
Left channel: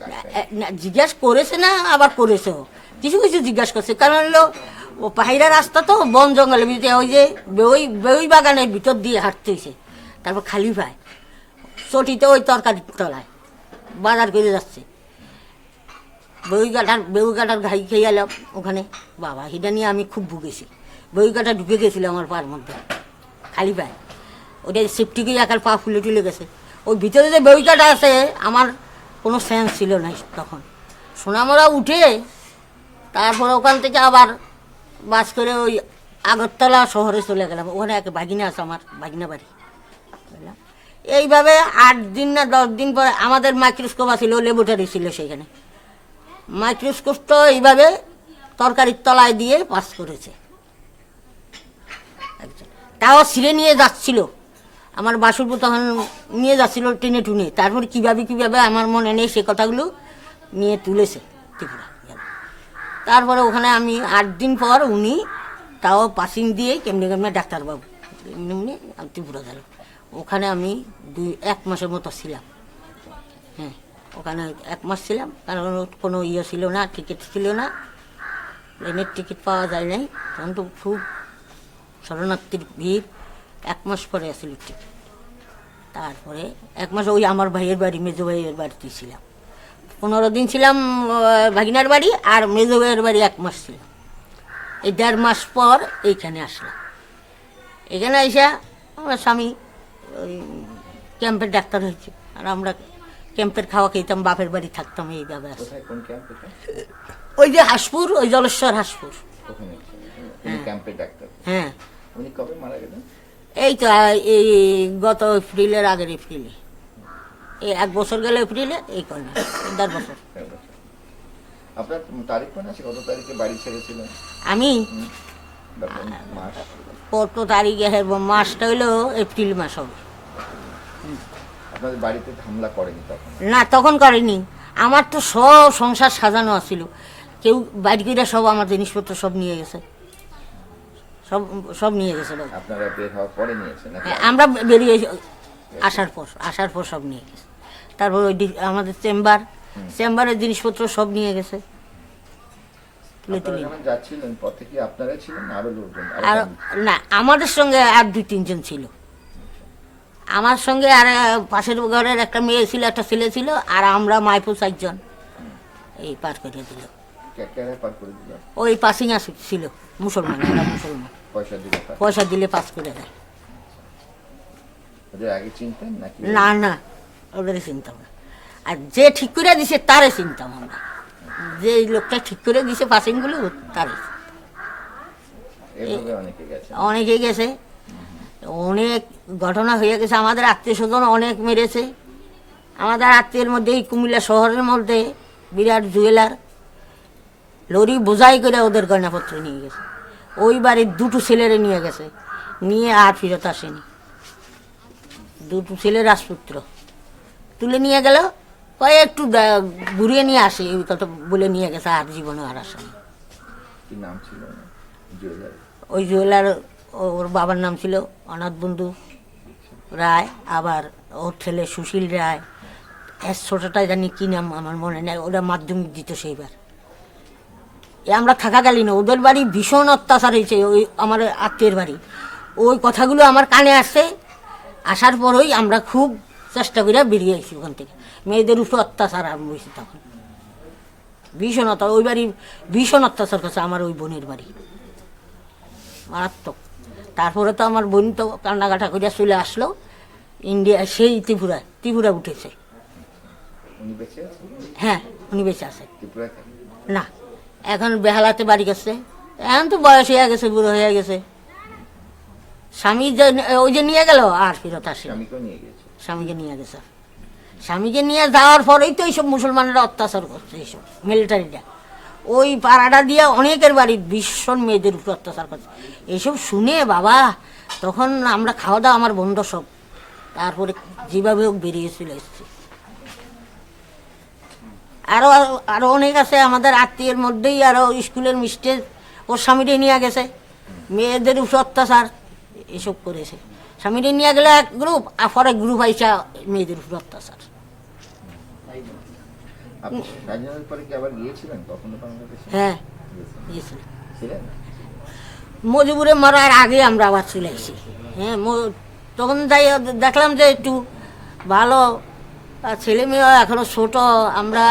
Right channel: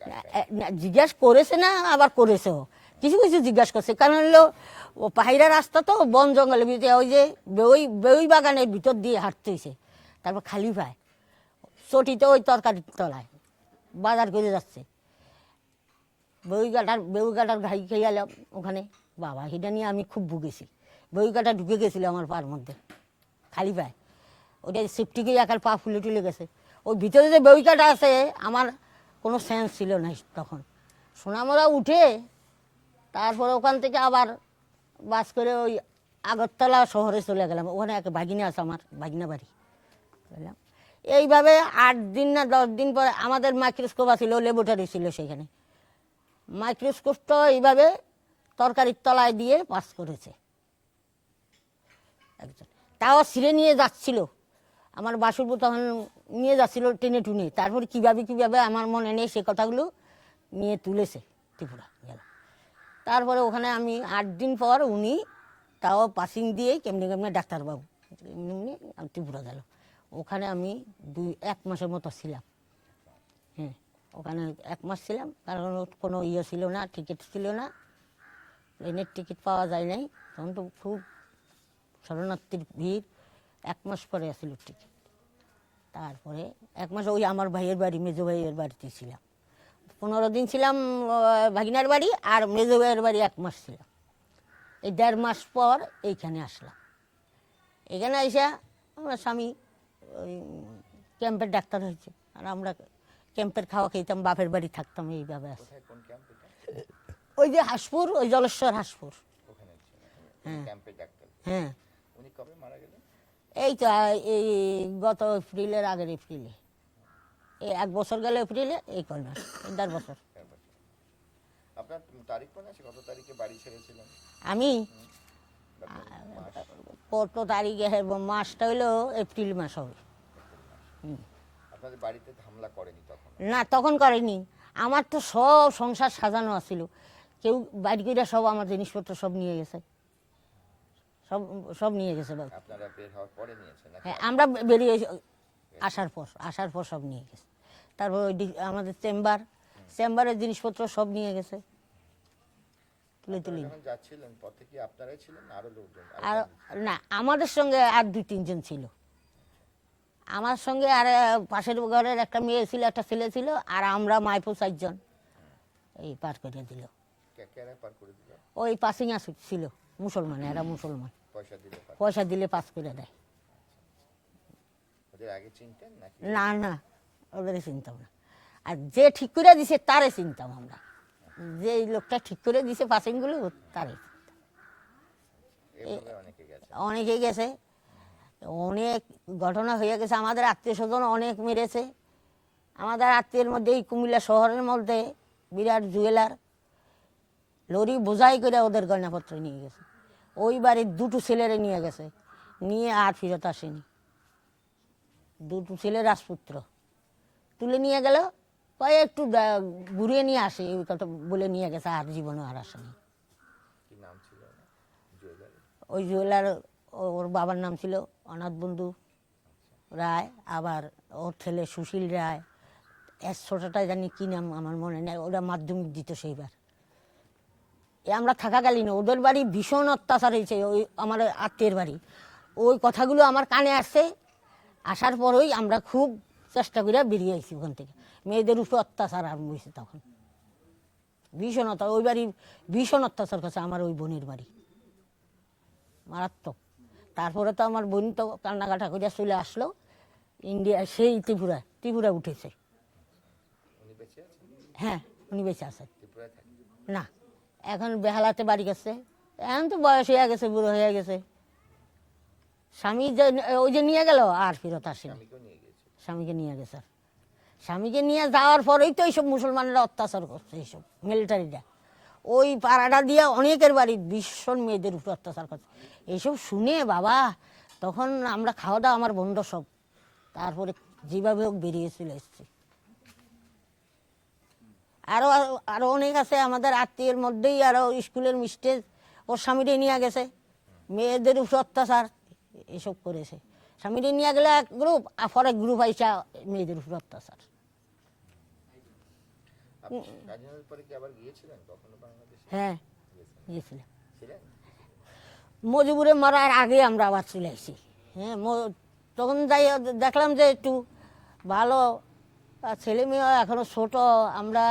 জিজ্ঞাস করেছে না, আবার করেছেও, কিছু কিছু জিজ্ঞাসা করছে। কারণ হলো ও পাহাড়া রাস্তা তো, বন জঙ্গলের ভিতরে ওই যে বেউই বাগানের ভিতর দিয়ে হাঁটতেছে, তারপর খালি পায় চটিতে ওই তরকারি তলায় বাজার করে যাচ্ছে। বেউই কাটার ঘাই খেয়ে গেলাম ওখানে, বাবা এটা নিয়ে আমি খুব ভুগেছি। বেউই কাটা ঢুকে গেছিল আমার পার মধ্যে, খালি পায় ওটা সেফটিকে একার পা ফুলে টুলে গেছে। ওই ভিতরে যে বেউই কাটা আছে আমার কোনো সেন্স ছিল না তখন। সোনামরা উঠে তারপর ওখান থেকে আবার বাস করে ওই আগরতলা শহরে চলে গেলাম। ওখানে এক বাগিনা আছে, আমার বাগিনা বাড়ি। এইভাবে 8 দিন না 10 দিন পরে আমাদের মাইক্রোস্কোপ ছিল, ল্যাবরেটরি ছিল সেখানে। মাইক্রোস্কোপ তো এইভাবে তরকারির তলায় দিয়ে পাস করেছে একজন, তাও ছিঁড়ে নিয়ে যাচ্ছিল। আমার বাসুরপু তখন নিয়ে যাচ্ছিল টেনে টুনে, তারপরে কীভাবে আমার মনে নেই, সে কথাগুলো নিয়ে তুলেছে ত্রিপুরা। তারপরে ওখানে আমি 8 দিন পর উনি তাও পাসিং দিয়ে কেমনি কেমনি ডাক্তারবাবু এমনি ত্রিপুরা গেল। ওখানে আমি 1 মাসের মতো ছিলাম। হ্যাঁ, ওখানে 1 মাস ছিলাম, কারণ কোনো ইয়ে ছিল না, টিকিট ছিল না, প্লেনের টিকিট পাওয়া যায় নাই তখন তো, খুব শরণার্থীর ভিড়। 1 মাস পরে আসছিল টিকিট। তারপরে 1 মাস ওই আমার ভাইয়ের বাড়ি, মেজো ভাইয়ের বাড়িতে ছিলাম। 15 দিন ছিলাম ভাগিনার বাড়ি, আর মেজো ভাইয়ের বাড়ি 1 মাস ছিলাম। এই 1.5 মাস পর এইখানে আসলাম। এখানে এসে আমার স্বামী ওই ক্যাম্পের ডাক্তার হয়েছে, আর আমরা ক্যাম্পের খাওয়া খেতাম, বাপের বাড়ি থাকতাম। এইভাবে আসে কোথায়, কোন ক্যাম্পে? ওই যে হাসপুর, ওই জলেশ্বর হাসপুর। ওখানে উনি ক্যাম্পের ডাক্তার। হ্যাঁ, উনি কবে মারা গেলেন? এই তো এই গত এপ্রিলের আগের এপ্রিলে, এই 1 বছর গেল এপ্রিলে, এই কন্যা 1.5 বছর। আপনার তারিখ মনে আছে কত তারিখে বাড়ি ছেড়েছিলেন? আমি বা কোন মাস? কত তারিখে, মাসটা হইলো এপ্রিল মাস হবে। আপনাদের বাড়িতে হামলা করেনি তখন? না, তখন করেনি। আমার তো সব সংসার সাজানো আছিল, কেউ বাড়ি করে সব আমার জিনিসপত্র সব নিয়ে গেছে, সব নিয়ে গেছে। আপনারা বের হওয়ার পরে নিয়েছেন নাকি? আমরা বেরিয়ে আসার পর সব নিয়ে গেছে। তারপর ওই আমাদের চেম্বারের জিনিসপত্র সব নিয়ে গেছে। আপনারা যখন যাচ্ছিলেন পথে কি আপনারাই ছিলেন না আরো লোকজন? আর না, আমাদের সঙ্গে আর 2-3 জন ছিল। আমার সঙ্গে আর পাশের ঘরের একটা মেয়ে ছিল, একটা ছেলে ছিল, আর আমরা মাইপু 4 জন এই পার করে দিল। কেন পার করে দিল? ওই পাসিং ছিল মুসলমান, ওরা মুসলমান, পয়সা দিলে পার? পয়সা দিলে পাস করে দেয়। ওদের আগে চিনতেন নাকি? না না, ওদেরই চিনতাম না। আর যে ঠিক করে দিছে তারে চিনতাম আমরা, যে লোকটা ঠিক করে দিছে পাসিংগুলো তারে। এভাবে অনেকে গেছে? অনেকে গেছে, অনেক ঘটনা হয়ে গেছে। আমাদের আত্মীয় স্বজন অনেক মেরেছে। আমাদের আত্মীয়ের মধ্যে এই কুমিল্লা শহরের মধ্যে বিরাট জুয়েলার লরি বোঝাই করে ওদের গয়নাপত্র নিয়ে গেছে। ওই বাড়ির 2টো ছেলেরে নিয়ে গেছে, নিয়ে আর ফিরত আসেনি। 2টো ছেলে রাজপুত্র তুলে নিয়ে গেল, কয়ে একটু ঘুরিয়ে নিয়ে আসে, এই কথা বলে নিয়ে গেছে, আর জীবনে আর আসেনি। কি নাম ছিল জুয়েলার? ওই জুয়েলার ওর বাবার নাম ছিল অনাথ বন্ধু রায়, আবার ওর ছেলে সুশীল রায়। ছোটটাই জানি কি নাম আমার মনে নেই, ওরা মাধ্যমিক দিত সেইবার। আমরা থাকাকালীন ওদের বাড়ি ভীষণ অত্যাচার হয়েছে, ওই আমার আত্মীয়ের বাড়ি। ওই কথাগুলো আমার কানে আসছে, আসার পরই আমরা খুব চেষ্টা করে বেরিয়ে আসি ওখান থেকে। মেয়েদের উপর অত্যাচার আরম্ভ হয়েছে তখন, ভীষণ ওই বাড়ি ভীষণ অত্যাচার করছে আমার ওই বোনের বাড়ি, মারাত্মক। তারপরে তো আমার বোন তো কান্নাকাটা করে চলে আসলো ইন্ডিয়া, সেই ত্রিপুরা উঠেছে। উনি বেঁচে আছেন হ্যাঁ, উনি বেঁচে আছে ত্রিপুরাতে? না, এখন বেহালাতে বাড়ি গেছে। এখন তো বয়স হয়ে গেছে, বুড়ো হয়ে গেছে। স্বামী যে ওই যে নিয়ে গেল আর ফেরত আসে, স্বামীকেও নিয়ে গেছে? স্বামীকে নিয়ে গেছে। স্বামীকে নিয়ে যাওয়ার পরেই তো এইসব মুসলমানেরা অত্যাচার করছে, এইসব মিলিটারিরা ওই পাড়াটা দিয়ে অনেকের বাড়ি ভীষণ মেয়েদের উপর অত্যাচার করছে। এইসব শুনে বাবা তখন আমরা খাওয়া দাওয়া আমার বন্ধ সব, তারপরে যেভাবে হোক বেরিয়ে চলে এসছে। আরো আরো অনেক আছে আমাদের আত্মীয়ের মধ্যেই, আরো স্কুলের মিস্টে ওর স্বামীরে নিয়ে গেছে, মেয়েদের উপর অত্যাচার এসব করেছে। স্বামীরে নিয়ে গেলে এক গ্রুপ, আর পরে গ্রুপ আইসা মেয়েদের উপর অত্যাচার। আপনি স্বাধীনতার পরে কি আবার গিয়েছিলেন কখনো বাংলাদেশে? হ্যাঁ, গিয়েছেন? গিয়েছিল। ছিলেন? মজিবুরে মরার আগে আমরা আবার চলে আসি। হ্যাঁ, তখন যাই দেখলাম যে একটু ভালো, আর ছেলে মেয়ে এখনো ছোট, আমরা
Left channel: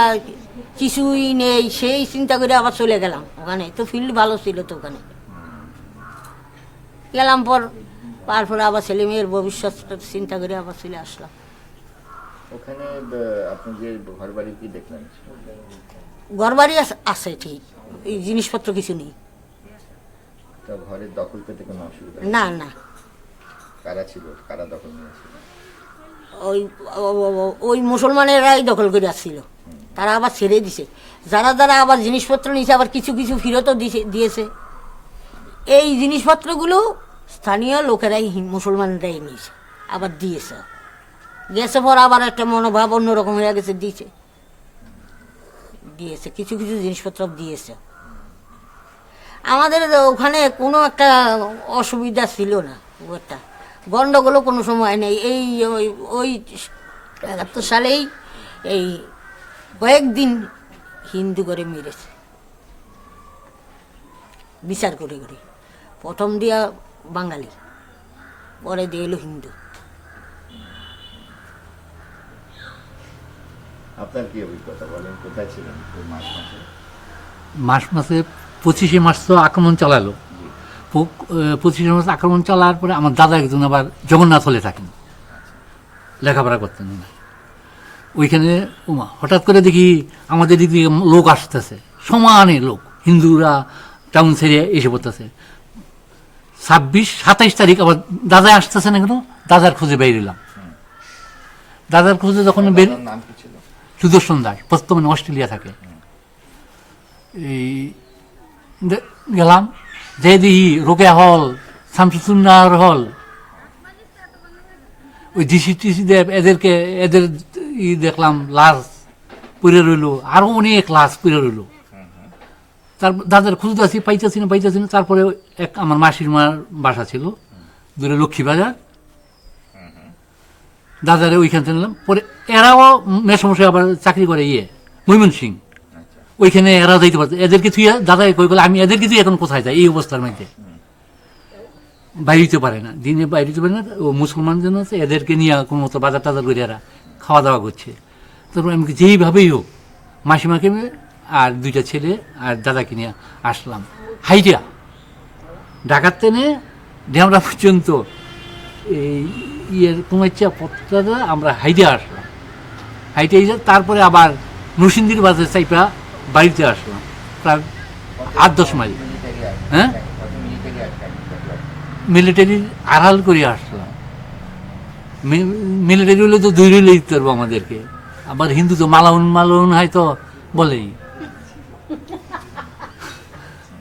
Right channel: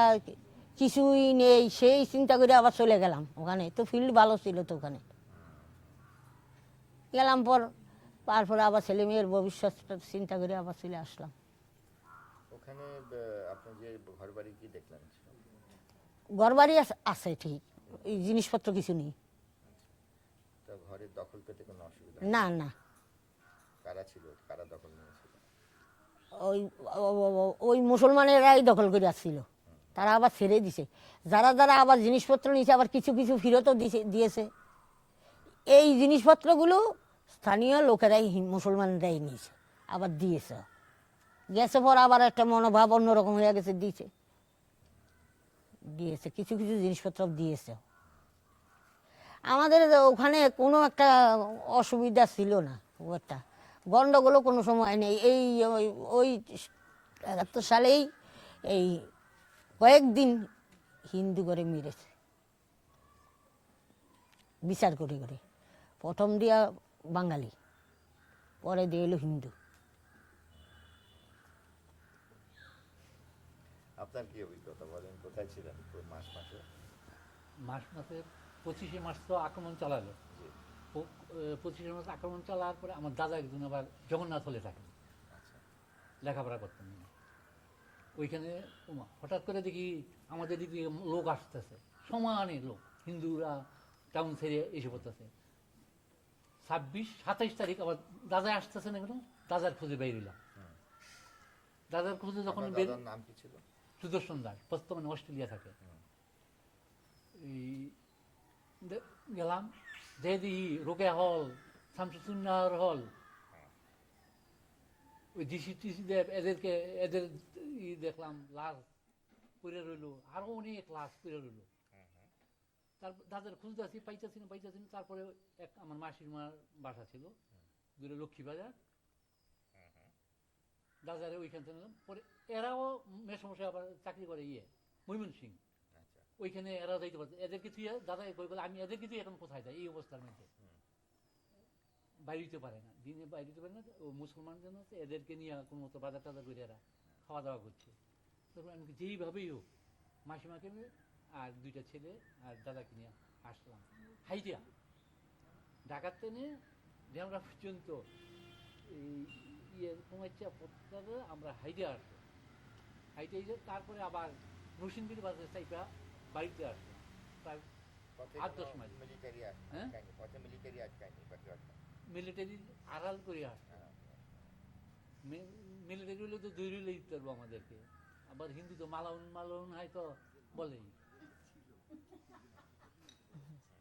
কিছুই নেই, সেই চিন্তা করে আবার চলে গেলাম ওখানে। তো ফিল্ড ভালো ছিল তো ওখানে গেলাম, তারপরে আবার ছেলে মেয়ের ভবিষ্যৎ চিন্তা করে আবার চলে আসলাম। ওখানে আপনি যে ঘর বাড়ি কি দেখলেন? ঘরবাড়ি আছে ঠিক, এই জিনিসপত্র কিছু নেই। তা ঘরের দখল পেতে কোনো অসুবিধা? না না, কারা ছিল, কারা দখল নিয়েছিল? ওই ওই মুসলমানেরাই দখল করে আসছিল, তারা আবার ছেড়ে দিছে। যারা যারা আবার জিনিসপত্র নিয়েছে আবার কিছু কিছু ফেরতও দিয়েছে। এই জিনিসপত্রগুলো স্থানীয় লোকেরাই মুসলমানরাই নিয়েছে, আবার দিয়েছে। গেছে পর আবার একটা মনোভাব অন্যরকম হয়ে গেছে, দিয়েছে কিছু কিছু জিনিসপত্র দিয়েছে। আমাদের ওখানে কোনো একটা অসুবিধা ছিল না, ওটা গন্ডগোলও কোনো সময় নেই। এই ওই ৭১ সালেই এই কয়েকদিন হিন্দু করে মেরেছে, বিচার করে করে। প্রথম দিয়া বাঙালি, পরে দিয়ে এলো হিন্দু। আপনার কি অভিজ্ঞতা বলেন, কোথায় ছিলেন ওই মাস মাসে? মাসে 25শে মার্চ তো আক্রমণ চালালো। 25শে মার্চ আক্রমণ চালার পরে আমার দাদা একজন আবার জগন্নাথ হলে থাকেন, লেখাপড়া করতেন না ওইখানে। হঠাৎ করে দেখি আমাদের দিক দিয়ে লোক আসতেছে, সমানে লোক, হিন্দুরা টাউন ছেড়ে এসে পড়তেছে। 26-27 তারিখ আবার দাদা আসতেছে না কেন, দাদার খোঁজে বেরিলাম। দাদার খোঁজে যখন দাদার নাম কি ছিল? সুদর্শন দাস, বর্তমানে অস্ট্রেলিয়া থাকে। এই গেলাম, যে দেখি রোকেয়া হল, শামসুন্নাহর হল, ওই ডিসি টিসি এদের দেখলাম লাশ পুড়ে রইল, আরো অনেক লাশ পুড়ে রইল। তার দাদার খুঁজতেছি, পাইতেছি না। তারপরে এক আমার মাসির মার বাসা ছিল দূরে লক্ষ্মীবাজার, দাদারে ওইখান থেকে নিলাম। পরে এরাও মেসমশাই আবার চাকরি করে ময়মনসিং, ওইখানে এরাও যাইতে পারছে। এদেরকে তুই দাদা কই গেলে আমি এদেরকে তুই এখন কোথায় যাই, এই অবস্থার মধ্যে বাইরেতে পারে না, দিনে বাইরেতে পারে না। ও মুসলমান জন আছে, এদেরকে নিয়ে কোনো মতো বাজার টাজার করে এরা খাওয়া দাওয়া করছে। তারপর আমি যেইভাবেই হোক মাসিমাকে আর 2টা ছেলে আর দাদাকে নিয়ে আসলাম হাইটিয়া, ঢাকার ট্রেনে ডেমরা পর্যন্ত এই কুমাইচা পথটা আমরা হাইটে আসলাম। হাইটে তারপরে আবার নরসিংদীর বাজার চাইপা বাড়িতে আসলাম, প্রায় 8-10 মাইল। হ্যাঁ, মিলিটারি আড়াল করে আসলাম। মিলিটারি হলে তো দৌড়ে দিতে পারবো আমাদেরকে। আবার হিন্দু তো মালাউন হয় তো বলেই,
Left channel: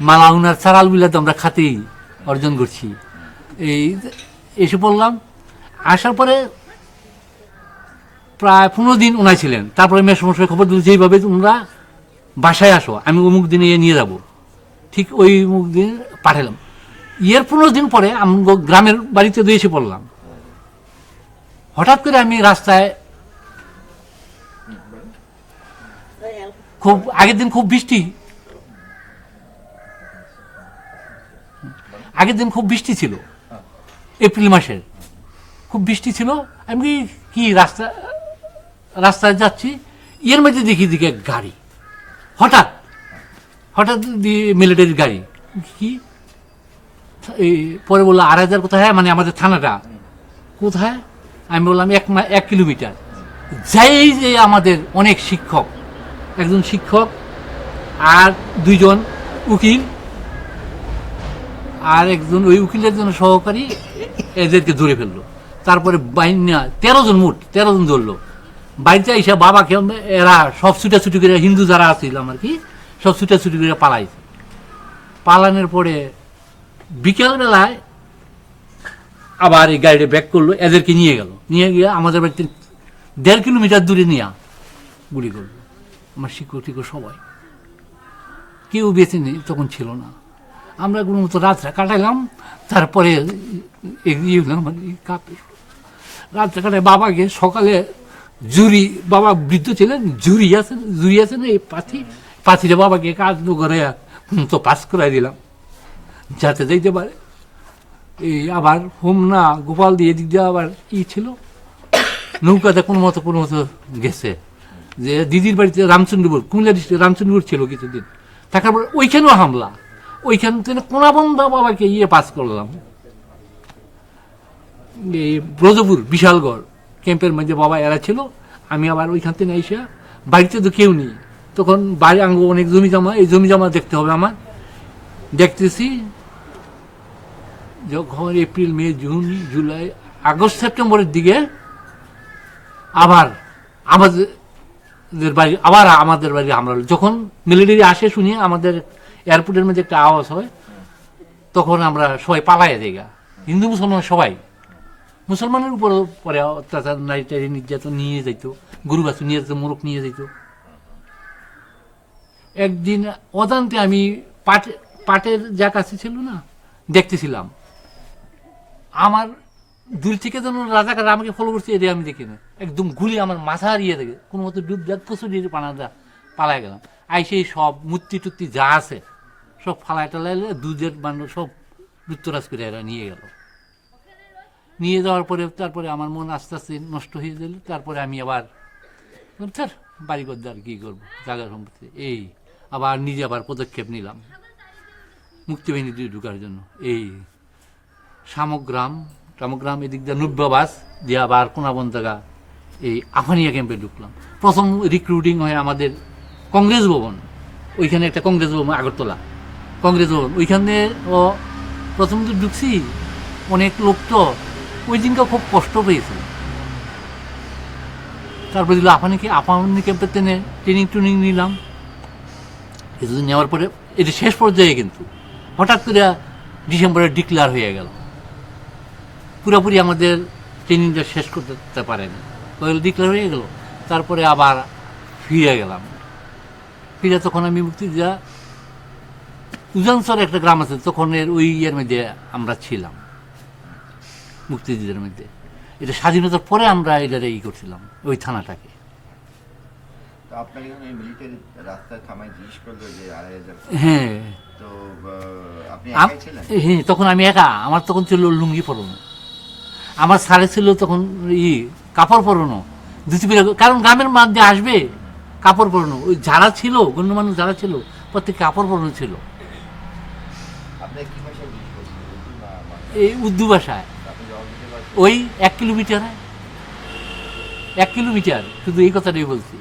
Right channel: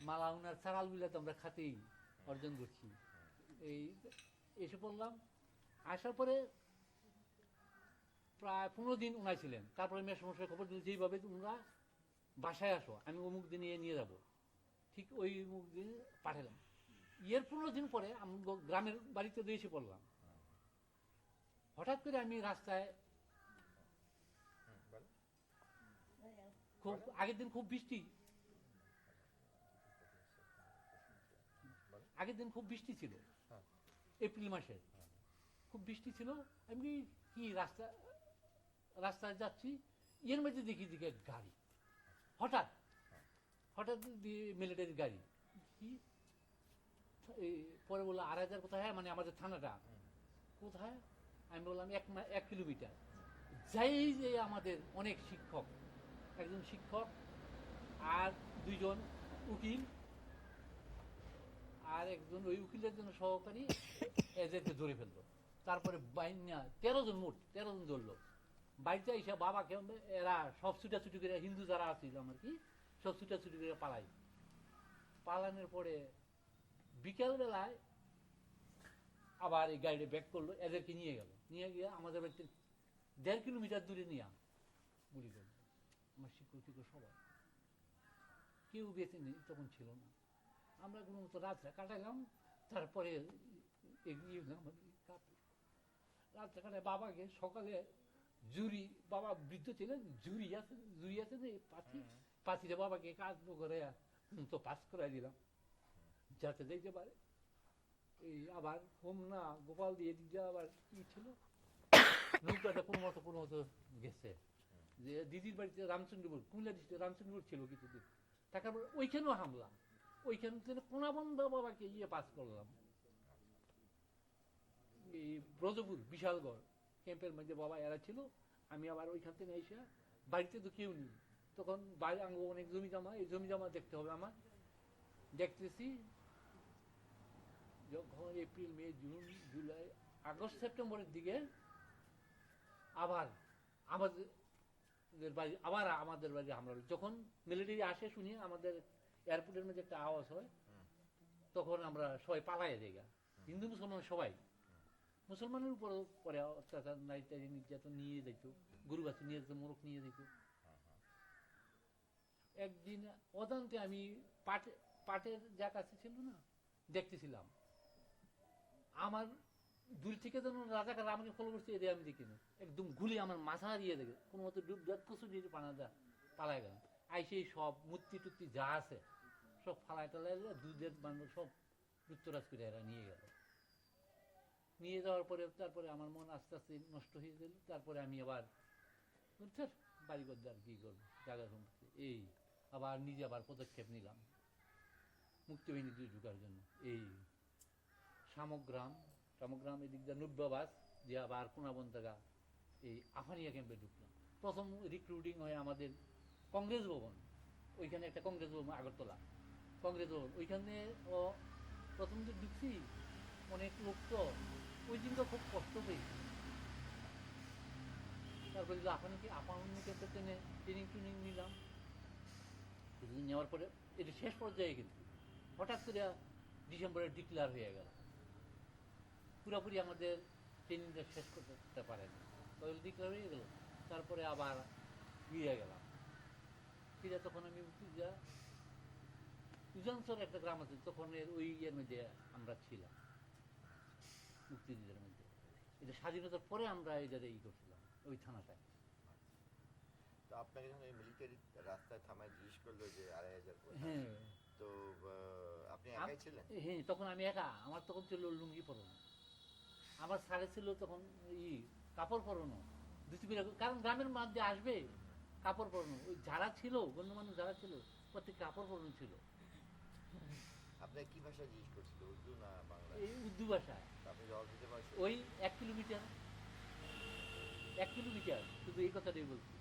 মালাউন আর চারাল বিলা তো আমরা খাতেই অর্জন করছি। এসে পড়লাম, আসার পরে প্রায় 15 দিন ওনাই ছিলেন। তারপরে মেসমশাই খবর দিল যেইভাবে তোমরা বাসায় আসো, আমি অমুক দিনে নিয়ে যাব। ঠিক ওই অমুক দিন পাঠালাম। 15 দিন পরে আমি গ্রামের বাড়িতে দিয়ে এসে পড়লাম। হঠাৎ করে আমি রাস্তায় আগের দিন খুব বৃষ্টি ছিল, এপ্রিল মাসের খুব বৃষ্টি ছিল। আমি কি রাস্তায় যাচ্ছি, এর মধ্যে দেখি দিকে গাড়ি, হঠাৎ হঠাৎ মিলিটারির গাড়ি। কি এই পরে বললো 2,500 কোথায়, মানে আমাদের থানাটা কোথায়? আমি বললাম 1 কিলোমিটার। যাই যে আমাদের অনেক শিক্ষক, একজন শিক্ষক আর 2জন উকিল আর একজন ওই উকিলের জন্য সহকারী, এদেরকে ধরে ফেললো। তারপরে বাইনা 13 জন, মোট 13 জন ধরলো। বাড়িতে এসে বাবাকে এরা সব ছুটাছুটি করে, হিন্দু যারা আসছিল আর কি, সব ছুটাছুটি করে পালাইছে। পালানোর পরে বিকেলবেলায় আবার এই গাড়িটা ব্যাক করলো, এদেরকে নিয়ে গেল, নিয়ে গিয়ে আমাদের বাড়িতে 1.5 কিলোমিটার দূরে নিয়ে গুলি করলো। আমার শিক্ষক টিক্ষক সবাই, কেউ বেঁচে নেই, তখন ছিল না। আমরা কোনো মতো রাতটা কাটাইলাম। তারপরে এগিয়ে গেলাম, মানে রাতটা কাটায় বাবাকে সকালে জুরি, বাবা বৃদ্ধ ছিলেন, জুরি আছে না এই পাথিরে বাবাকে কাজ করে তো পাস করাই দিলাম যাতে যাইতে পারে। এই আবার হোমনা গোপাল দিয়ে দিক দিয়ে আবার ই ছিল, নৌকাতে কোনো মতো গেছে। যে দিদির বাড়িতে রামচন্দ্রপুর, কুমিল্লা ডিস্ট্রিক্ট রামচন্দ্রপুর ছিল কিছুদিন, থাকার পরে ওইখানেও হামলা, ওইখান থেকে কোনাবন্ধা বাবাকে পাস করলাম। এই ব্রজপুর বিশালগড় ক্যাম্পের মধ্যে বাবা এরা ছিল। আমি আবার ওইখান থেকে এসে, বাড়িতে তো কেউ নেই তখন, বাড়ি আঙ্গ অনেক জমি জমা, এই জমি জমা দেখতে হবে আমার। দেখতেছি যখন এপ্রিল, মে, জুন, জুলাই, আগস্ট, সেপ্টেম্বরের দিকে আবার আমাদের বাড়ি হামলা হলো। যখন মিলিটারি আসে শুনি আমাদের এয়ারপোর্টের মধ্যে একটা আওয়াজ হয়, তখন আমরা সবাই পালাইয়া যাই, হিন্দু মুসলমান সবাই। মুসলমানের উপর পরে অত্যাচার, নারী টারি নির্যাতন নিয়ে যাইতো, গরু বাছু নিয়ে যেত, মোরগ নিয়ে যেত। একদিন অজান্তে আমি পাটের যা কাছে ছিল না, দেখতেছিলাম, আমার দূর থেকে যেন রাজাকার আমাকে ফলো করছে, এটা আমি দেখি না, একদম গুলি আমার মাথা হারিয়ে দেখে কোনো মতো ডুব দেখ প্রচুর পানা পালাই গেলাম। আইসে সব মূর্তি টুর্তি যা আছে সব ফালাই টালাইলে দুধের বান্ড সব লুপ্তরাজ করে এরা নিয়ে গেল। নিয়ে যাওয়ার পরে তারপরে আমার মন আস্তে আস্তে নষ্ট হয়ে গেল। তারপরে আমি আবার স্যার বাড়ি করতে আর কী করবো, জায়গা সম্পত্তি, এই আবার নিজে আবার পদক্ষেপ নিলাম মুক্তিবাহিনী ঢুকার জন্য। এই শামগ্রাম এদিক দিয়ে নব্যাবাস দিয়ে আবার কোনাবন জায়গা এই আফানিয়া ক্যাম্পে ঢুকলাম। প্রথম রিক্রুটিং হয় আমাদের কংগ্রেস ভবন, ওইখানে একটা কংগ্রেস ভবন, আগরতলা কংগ্রেস ভবন, ওইখানে ও প্রথম তো ঢুকছি, অনেক লোক তো ওই দিনকে খুব কষ্ট পেয়েছে। তারপরে দিল আফানি ক্যাম্পের ট্রেনিং নিলাম। কিছুদিন নেওয়ার পরে এটা শেষ পর্যায়ে কিন্তু হঠাৎ করে ডিসেম্বরে ডিক্লেয়ার হয়ে গেল, পুরোপুরি আমাদের ট্রেনিংটা শেষ করতে পারেনি, ডিক্লেয়ার হয়ে গেল। তারপরে আবার ফিরে গেলাম। ফিরে তখন আমি মুক্তিযোদ্ধা উজানসর একটা গ্রাম আছে, তখন ওই ইয়ের মধ্যে আমরা ছিলাম, মুক্তিযুদ্ধের মধ্যে। এটা স্বাধীনতার পরে আমরা এটা করছিলাম, ওই থানাটাকে। তো আপনাকে যখন এই মিলিটারি রাস্তায় থামায় জিজ্ঞেস করলো যে 2,500, হ্যাঁ, তো আপনি একাই ছিলেন? হ্যাঁ, তখন আমি একা, আমার তখন ছিল লুঙ্গি পরানো, আমার সাড়ে ছিল তখন কাপড় পরানো, ধুতি পরে, কারণ গ্রামের মধ্যে আসবে কাপড় পরানো। ওই যারা ছিল গণ্যমান্য যারা ছিল প্রত্যেক কাপড় পরানো ছিল। আপনি কি ভাষায় জিজ্ঞেস করছিলেন? উর্দু না বাংলা? এই উর্দু ভাষায়। আপনি জবাব দিতে পারছেন? ওই 1 কিলোমিটার শুধু এই কথাটাই বলছি।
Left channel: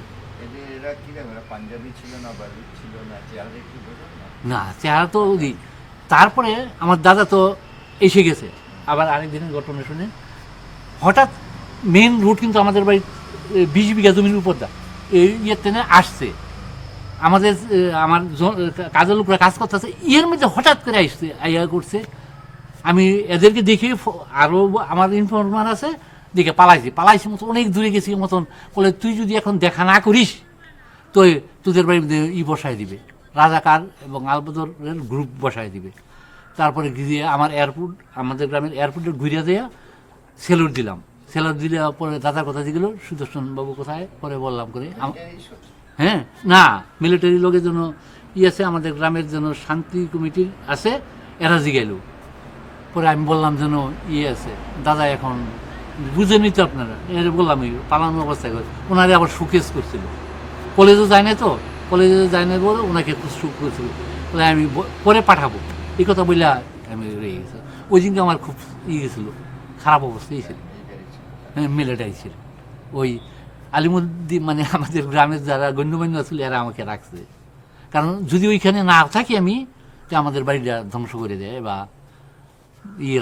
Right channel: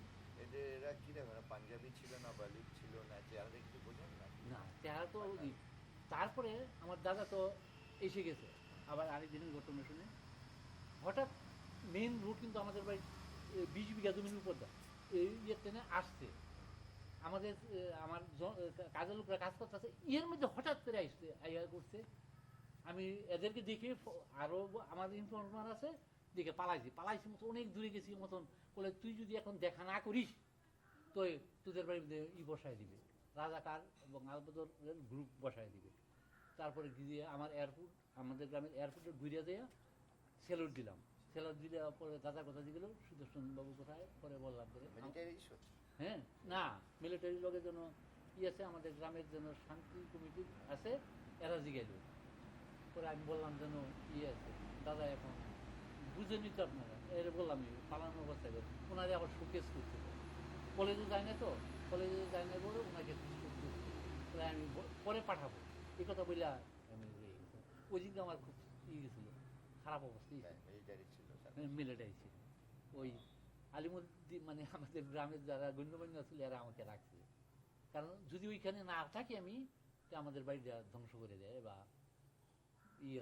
এরা কি এরা পাঞ্জাবি ছিল না, বালুচ ছিল না, চেহারা দেখে বোঝেন না না? চেহারা তো তারপরে আমার দাদা তো এসে গেছে আবার আরেকদিনের ঘটনা শুনে। হঠাৎ মেন রুট কিন্তু আমাদের বাড়ির 20 বিঘা জমির উপর দা এই ইয়েতে আসছে, আমাদের আমার কাজের লোকরা কাজ করতেছে, এর মধ্যে হঠাৎ করে আসছে, আইয়া করছে। আমি এদেরকে দেখে আরও আমার ইনফরমার আছে, দেখে পালাইছি মতো অনেক দূরে গেছি মতন। বলে তুই যদি এখন দেখা না করিস তো তোদের বাড়ির মধ্যে বসায় দিবে, রাজাকার এবং আলবদরের গ্রুপ বসায় দিবে। তারপরে গিয়ে আমাদের গ্রামের এয়ারপোর্টে ঘুরিয়ে দেয়া সেলুট দিলাম। সেলুট দিলে পরে দাদার কথা দিল, সুদর্শন বাবু কোথায়, পরে বললাম করে। হ্যাঁ, না মিলিটারি লোকের জন্য আছে, আমাদের গ্রামের জন্য শান্তি কমিটির আছে, এরা জিগাইল। পরে আমি বললাম যেন আছে, দাদা এখন বুঝেনি তো আপনারা, এর বললাম পালানো অবস্থায় করে ওনারে আবার শোকেস করছিল, কলেজে যায় না তো, কলেজে যায় না বলে ওনাকে একটু শোক করছিল, বলে আমি পরে পাঠাবো, এই কথা বলে আমি রয়ে গেছি। ওই দিনকে আমার খুব গেছিলো, খারাপ অবস্থায় ছিল, হ্যাঁ মিলিটারি ছিল। ওই আলিমুদ্দিন মানে আমাদের গ্রামের যারা গণ্যমান্য ছিল এরা আমাকে রাখছে, কারণ যদি ওইখানে না থাকি আমি, তো আমাদের বাড়িটা ধ্বংস করে দেয় বা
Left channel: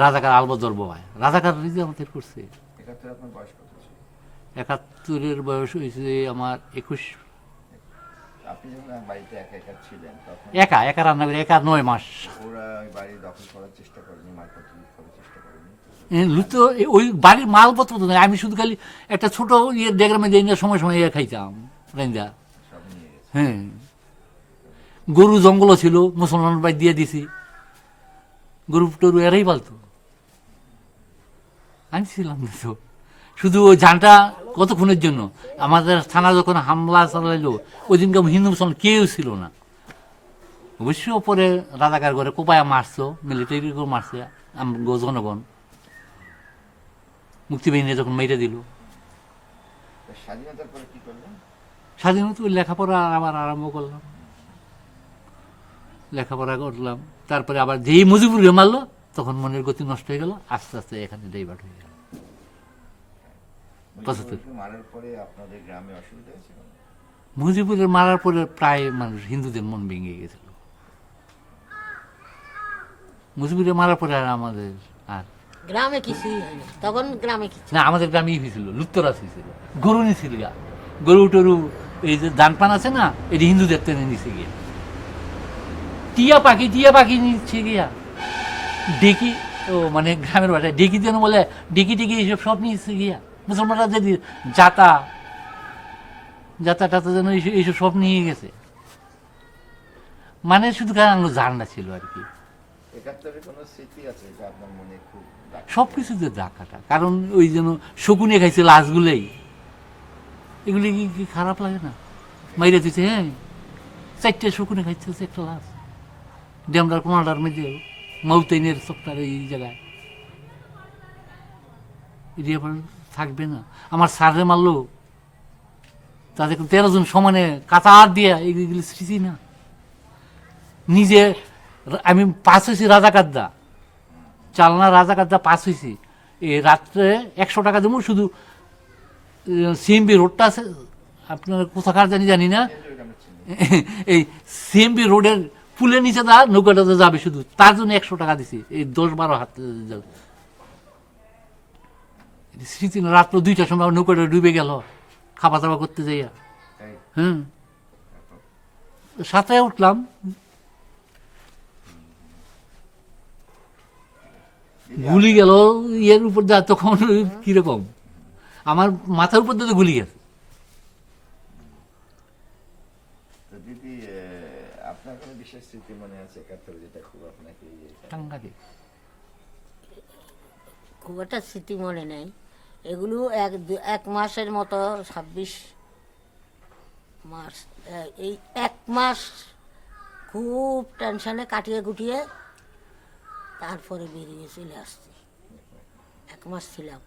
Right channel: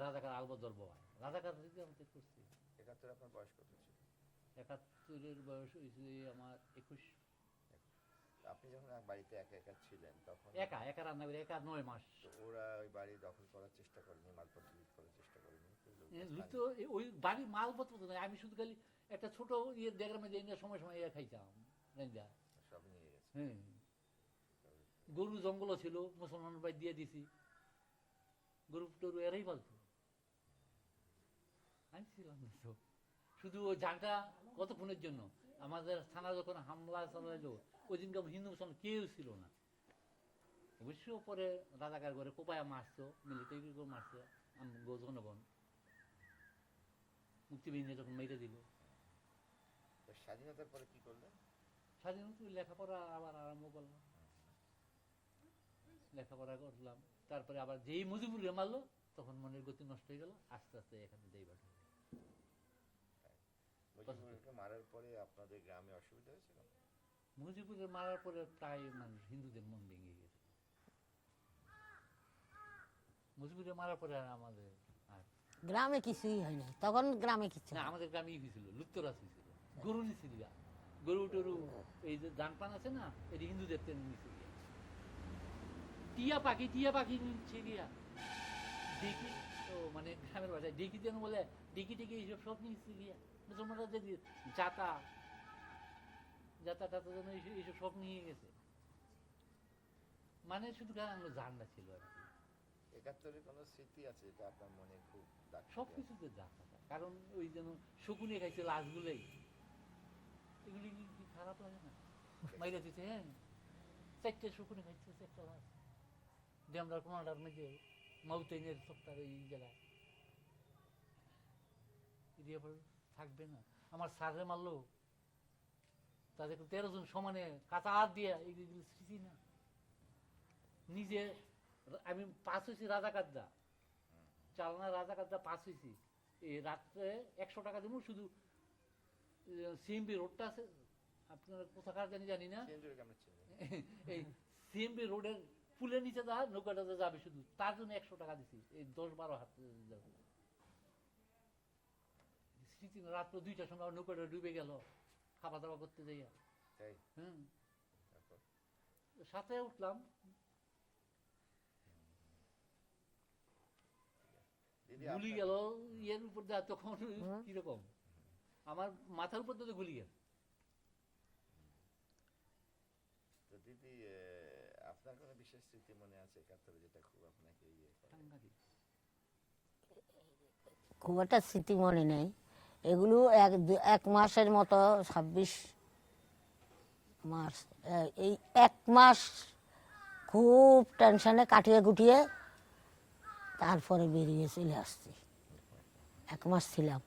রাজাকার আলবদল বয়, রাজাকার আমাদের করছে। 71 আপনার বয়স কত ছিল? 71-এর বয়স হয়েছে আমার 21। আপনি যখন বাড়িতে একা একা ছিলেন তখন একা রান্না করে, একা 9 মাস। ওরা ওই বাড়ি দখল করার চেষ্টা করেনি, মালপত্র লুট করার চেষ্টা করেনি? লুতো ওই বাড়ির মালপত্র তো নয়, আমি শুধু খালি একটা ছোট ডেগ্রামে যাই না, সময় সময় খাইতাম রেঞ্জা। সব নিয়ে গেছে। হ্যাঁ, গরু জঙ্গলও ছিল, মুসলমান বাড়ি দিয়ে দিছি, গরু টরু এরাই পালতো, আমি ছিলাম না তো। শুধু ওই ঝানটা কতক্ষণের জন্য, আমাদের থানা যখন হামলা চালাইলো ওই দিনকে হিন্দু মুসলমান কেউ ছিল না। অবশ্য পরে রাজাকার ঘরে কোপায়া মারছো, মিলিটারি করে মারছে জনগণ, মুক্তিবাহিনী যখন মেরে দিল। তো স্বাধীনতার পরে কি করলেন? স্বাধীনতা ওই লেখাপড়া আবার আরম্ভ করলাম, লেখাপড়া করলাম। তারপরে আবার যেই মুজিবুরকে মারলো তখন মনের গতি নষ্ট হয়ে গেল, আস্তে আস্তে এখানে ডাইভার্ট হয়ে গেল। 75 মারার পরে আপনাদের গ্রামে অসুবিধা হয়েছিল? মুজিবুরের মারার পরে প্রায় মানুষ হিন্দুদের মন ভেঙে গেছিল। মুজিবুরের মারার পরে আর আমাদের আর গ্রামে কিছুই হয়নি তখন, গ্রামে কিছু না, আমাদের গ্রামেই হয়েছিল, লুত্তরাজ হয়েছিল, গরু নিছিল গা, গরু টরু এই যে ধান পান আছে না, এটি হিন্দুদের টেনে নিছে গিয়া, টিয়া পাখি নিচ্ছে গিয়া, ডেকি ও মানে গ্রামের বাসায় ডেকি যেন বলে, ডেকি এইসব সব নিচ্ছে গিয়া, মুসলমানরা যদি যাতা টাতা যেন এইসব সব নিয়ে গেছে, মানে শুধু কারণ জানটা ছিল আর কি। 71 কোনো স্মৃতি আছে যেটা আপনার মনে খুব দাগ সব কিছুতে ডাকাটা, কারণ ওই যেন শকুনে খাইছে লাশগুলোই, এগুলি কি খারাপ লাগে না? মাইরে দিচ্ছে, হ্যাঁ 4টে শকুনে খাইছে একটা লাশ, ডেমরার কোনাটার মধ্যে মাউতাইনের চকটার এই জায়গায়, এটি আবার থাকবে না। আমার সারে মারলো, তাদের 13 জন সমানে কাতার দিয়ে, এগুলি স্মৃতি না। নিজে আমি পাস হয়েছি রাজাকারদা, চালনা রাজাকারদা পাস হয়েছি, এই রাত্রে 100 টাকা দেবো, শুধু সিএমবি রোডটা আছে আপনার কোথাকার জানি না, এই সিএমবি রোডের পুলের নিচে দা নৌকাটাতে যাবে, শুধু তার জন্য 100 টাকা দিছি, এই 10-12 হাত স্মৃতি না। রাত্র 2টার সময় নৌকাটা ডুবে গেল খাওয়া দাওয়া করতে যাইয়া, তাই? হ্যাঁ 7টায় উঠলাম, গুলি গেল ইয়ের উপর যা, তখন কিরকম আমার মাথার উপর দিয়ে গুলি গেছে। তো দিদি, আপনার কোনো বিশেষ স্মৃতি মনে আছে 71 যেটা খুব আপনাকে সাংঘাতিক। খুব একটা স্মৃতি মনে নেই, এগুলো এক মাসের মতো 26 মাস, এই 1 মাস খুব টেনশনে কাটিয়ে গুটিয়ে তারপরে বেরিয়ে চলে আসছি। 1 মাস ছিলাম,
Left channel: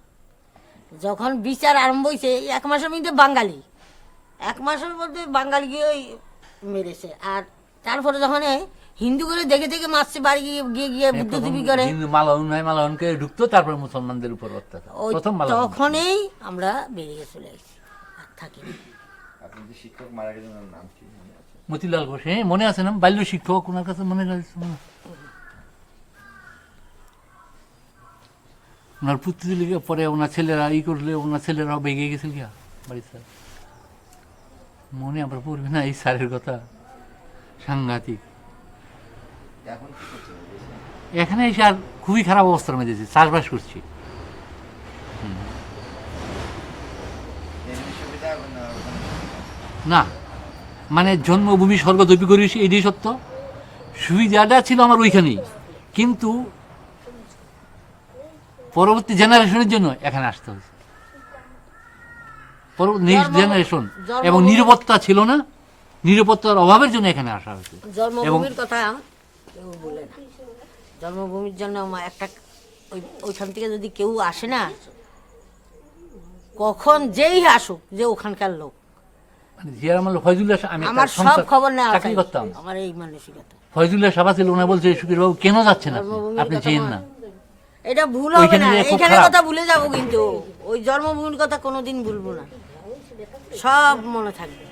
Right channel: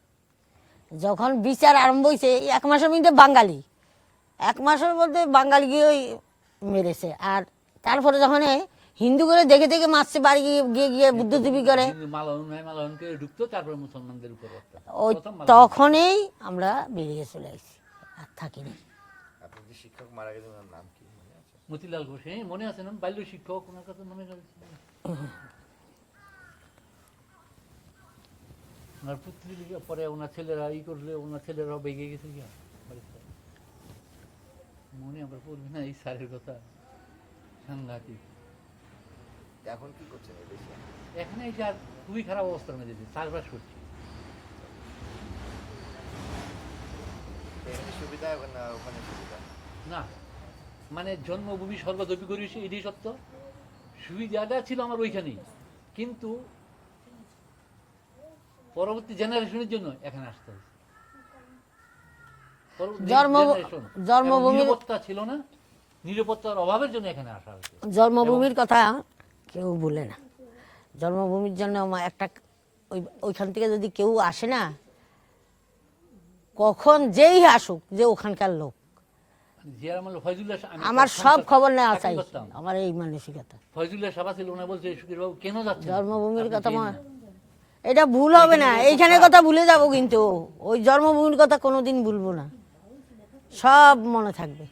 যখন বিচার আরম্ভ হয়েছে 1 মাসের মধ্যে বাঙালি, 1 মাসের মধ্যে বাঙালি গিয়ে মেরেছে, আর তারপরে যখন হিন্দু করে দেখে দেখে মারছে, বাড়ি গিয়ে বুদ্ধিজীবী করে মালাউনকে ঢুকতো, তারপরে মুসলমানদের উপর অত্যাচার, প্রথম তখনই আমরা বেরিয়ে চলে আসছি, আর থাকিনি। আপনি যে শিক্ষক মারা গেলেন ওনার নাম কি মনে আছে? মতিলাল ঘোষ, হ্যাঁ মনে আছে না, বাল্য শিক্ষক, ওনার কাছে মনে আছে না? ওনার পুত্র লিখে পরে ওনার ছেলেরা করলে, ওনার ছেলেরাও বেগে গেছিল গিয়া বাড়ির স্যার, মনে আবার পড়বে না এই স্যারের কথা, সাংঘাতিক। এখন কি করছেন? এখানে এসে আর খুবই খারাপ অবস্থার মধ্যে আছি, চাষবাস করছি। এমনি সুবিধা হবে না ওখানে সুবিধা? না মানে জন্মভূমি স্বর্গদপি করেছি, এটাই সত্য, সুবিধাটা ছিল আমার ওইখানেই, কিন্তু পরবর্তী জেনারেশনের জন্য এখানে আসতে হয়েছে, নেক্সট জেনারেশন, এবং নিরাপত্তা ছিল না, নিরাপত্তার অভাবের জন্য এখানে আসা হয়েছে। জন্মভূমির কথা কেউ বলে না, জন্মভূমির জন্য একটা ওইখান থেকে যদি কেউ আসে না, কখন যেই আসুক যে ওখানকার লোক, মানে জিয়ার আমলে ফয়জুল্লাহ আমি একটা আমার সব সংস্থা- খবর নেওয়া চাকরি চাই। করতাম, আমার এই মানসিকতা। ফয়জুল্লাহ সভা ছিল, ওনা বলছে সুখীর বাবু কেন যাচ্ছেন আপনি? জন্মভূমির আপনি কথা যেন মা- না। এটা ভুল হবে না, ওইখানে খুব এইখানের খারাপ। কথা ভুলে যাবো, কিন্তু ওই জন্মভূমির কথা কোনোদিন ভুলবো না, সব মনে থাকবে।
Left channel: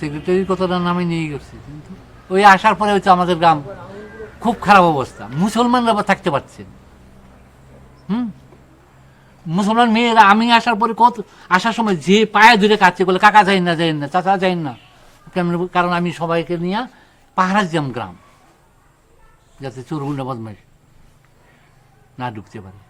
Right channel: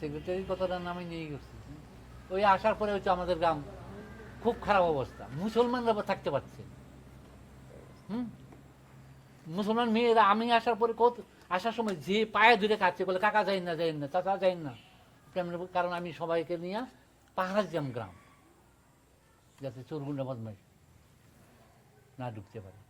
সেক্রেটারির কথাটা নামে নিয়ে গেছি, কিন্তু ওই আসার পরে হচ্ছে আমাদের গ্রাম খুব খারাপ অবস্থা, মুসলমানরা আবার থাকতে পারছে না। মুসলমান মেয়েরা আমি আসার পরে কত আসার সময় যে পায়ে ধরে কাটছে, বলে কাকা যাই না চাচা যাই না, কারণ আমি সবাইকে নিয়ে পাহারা দিতাম গ্রাম, যাতে চোরগুন্ডা বদমাইশ না ঢুকতে পারে।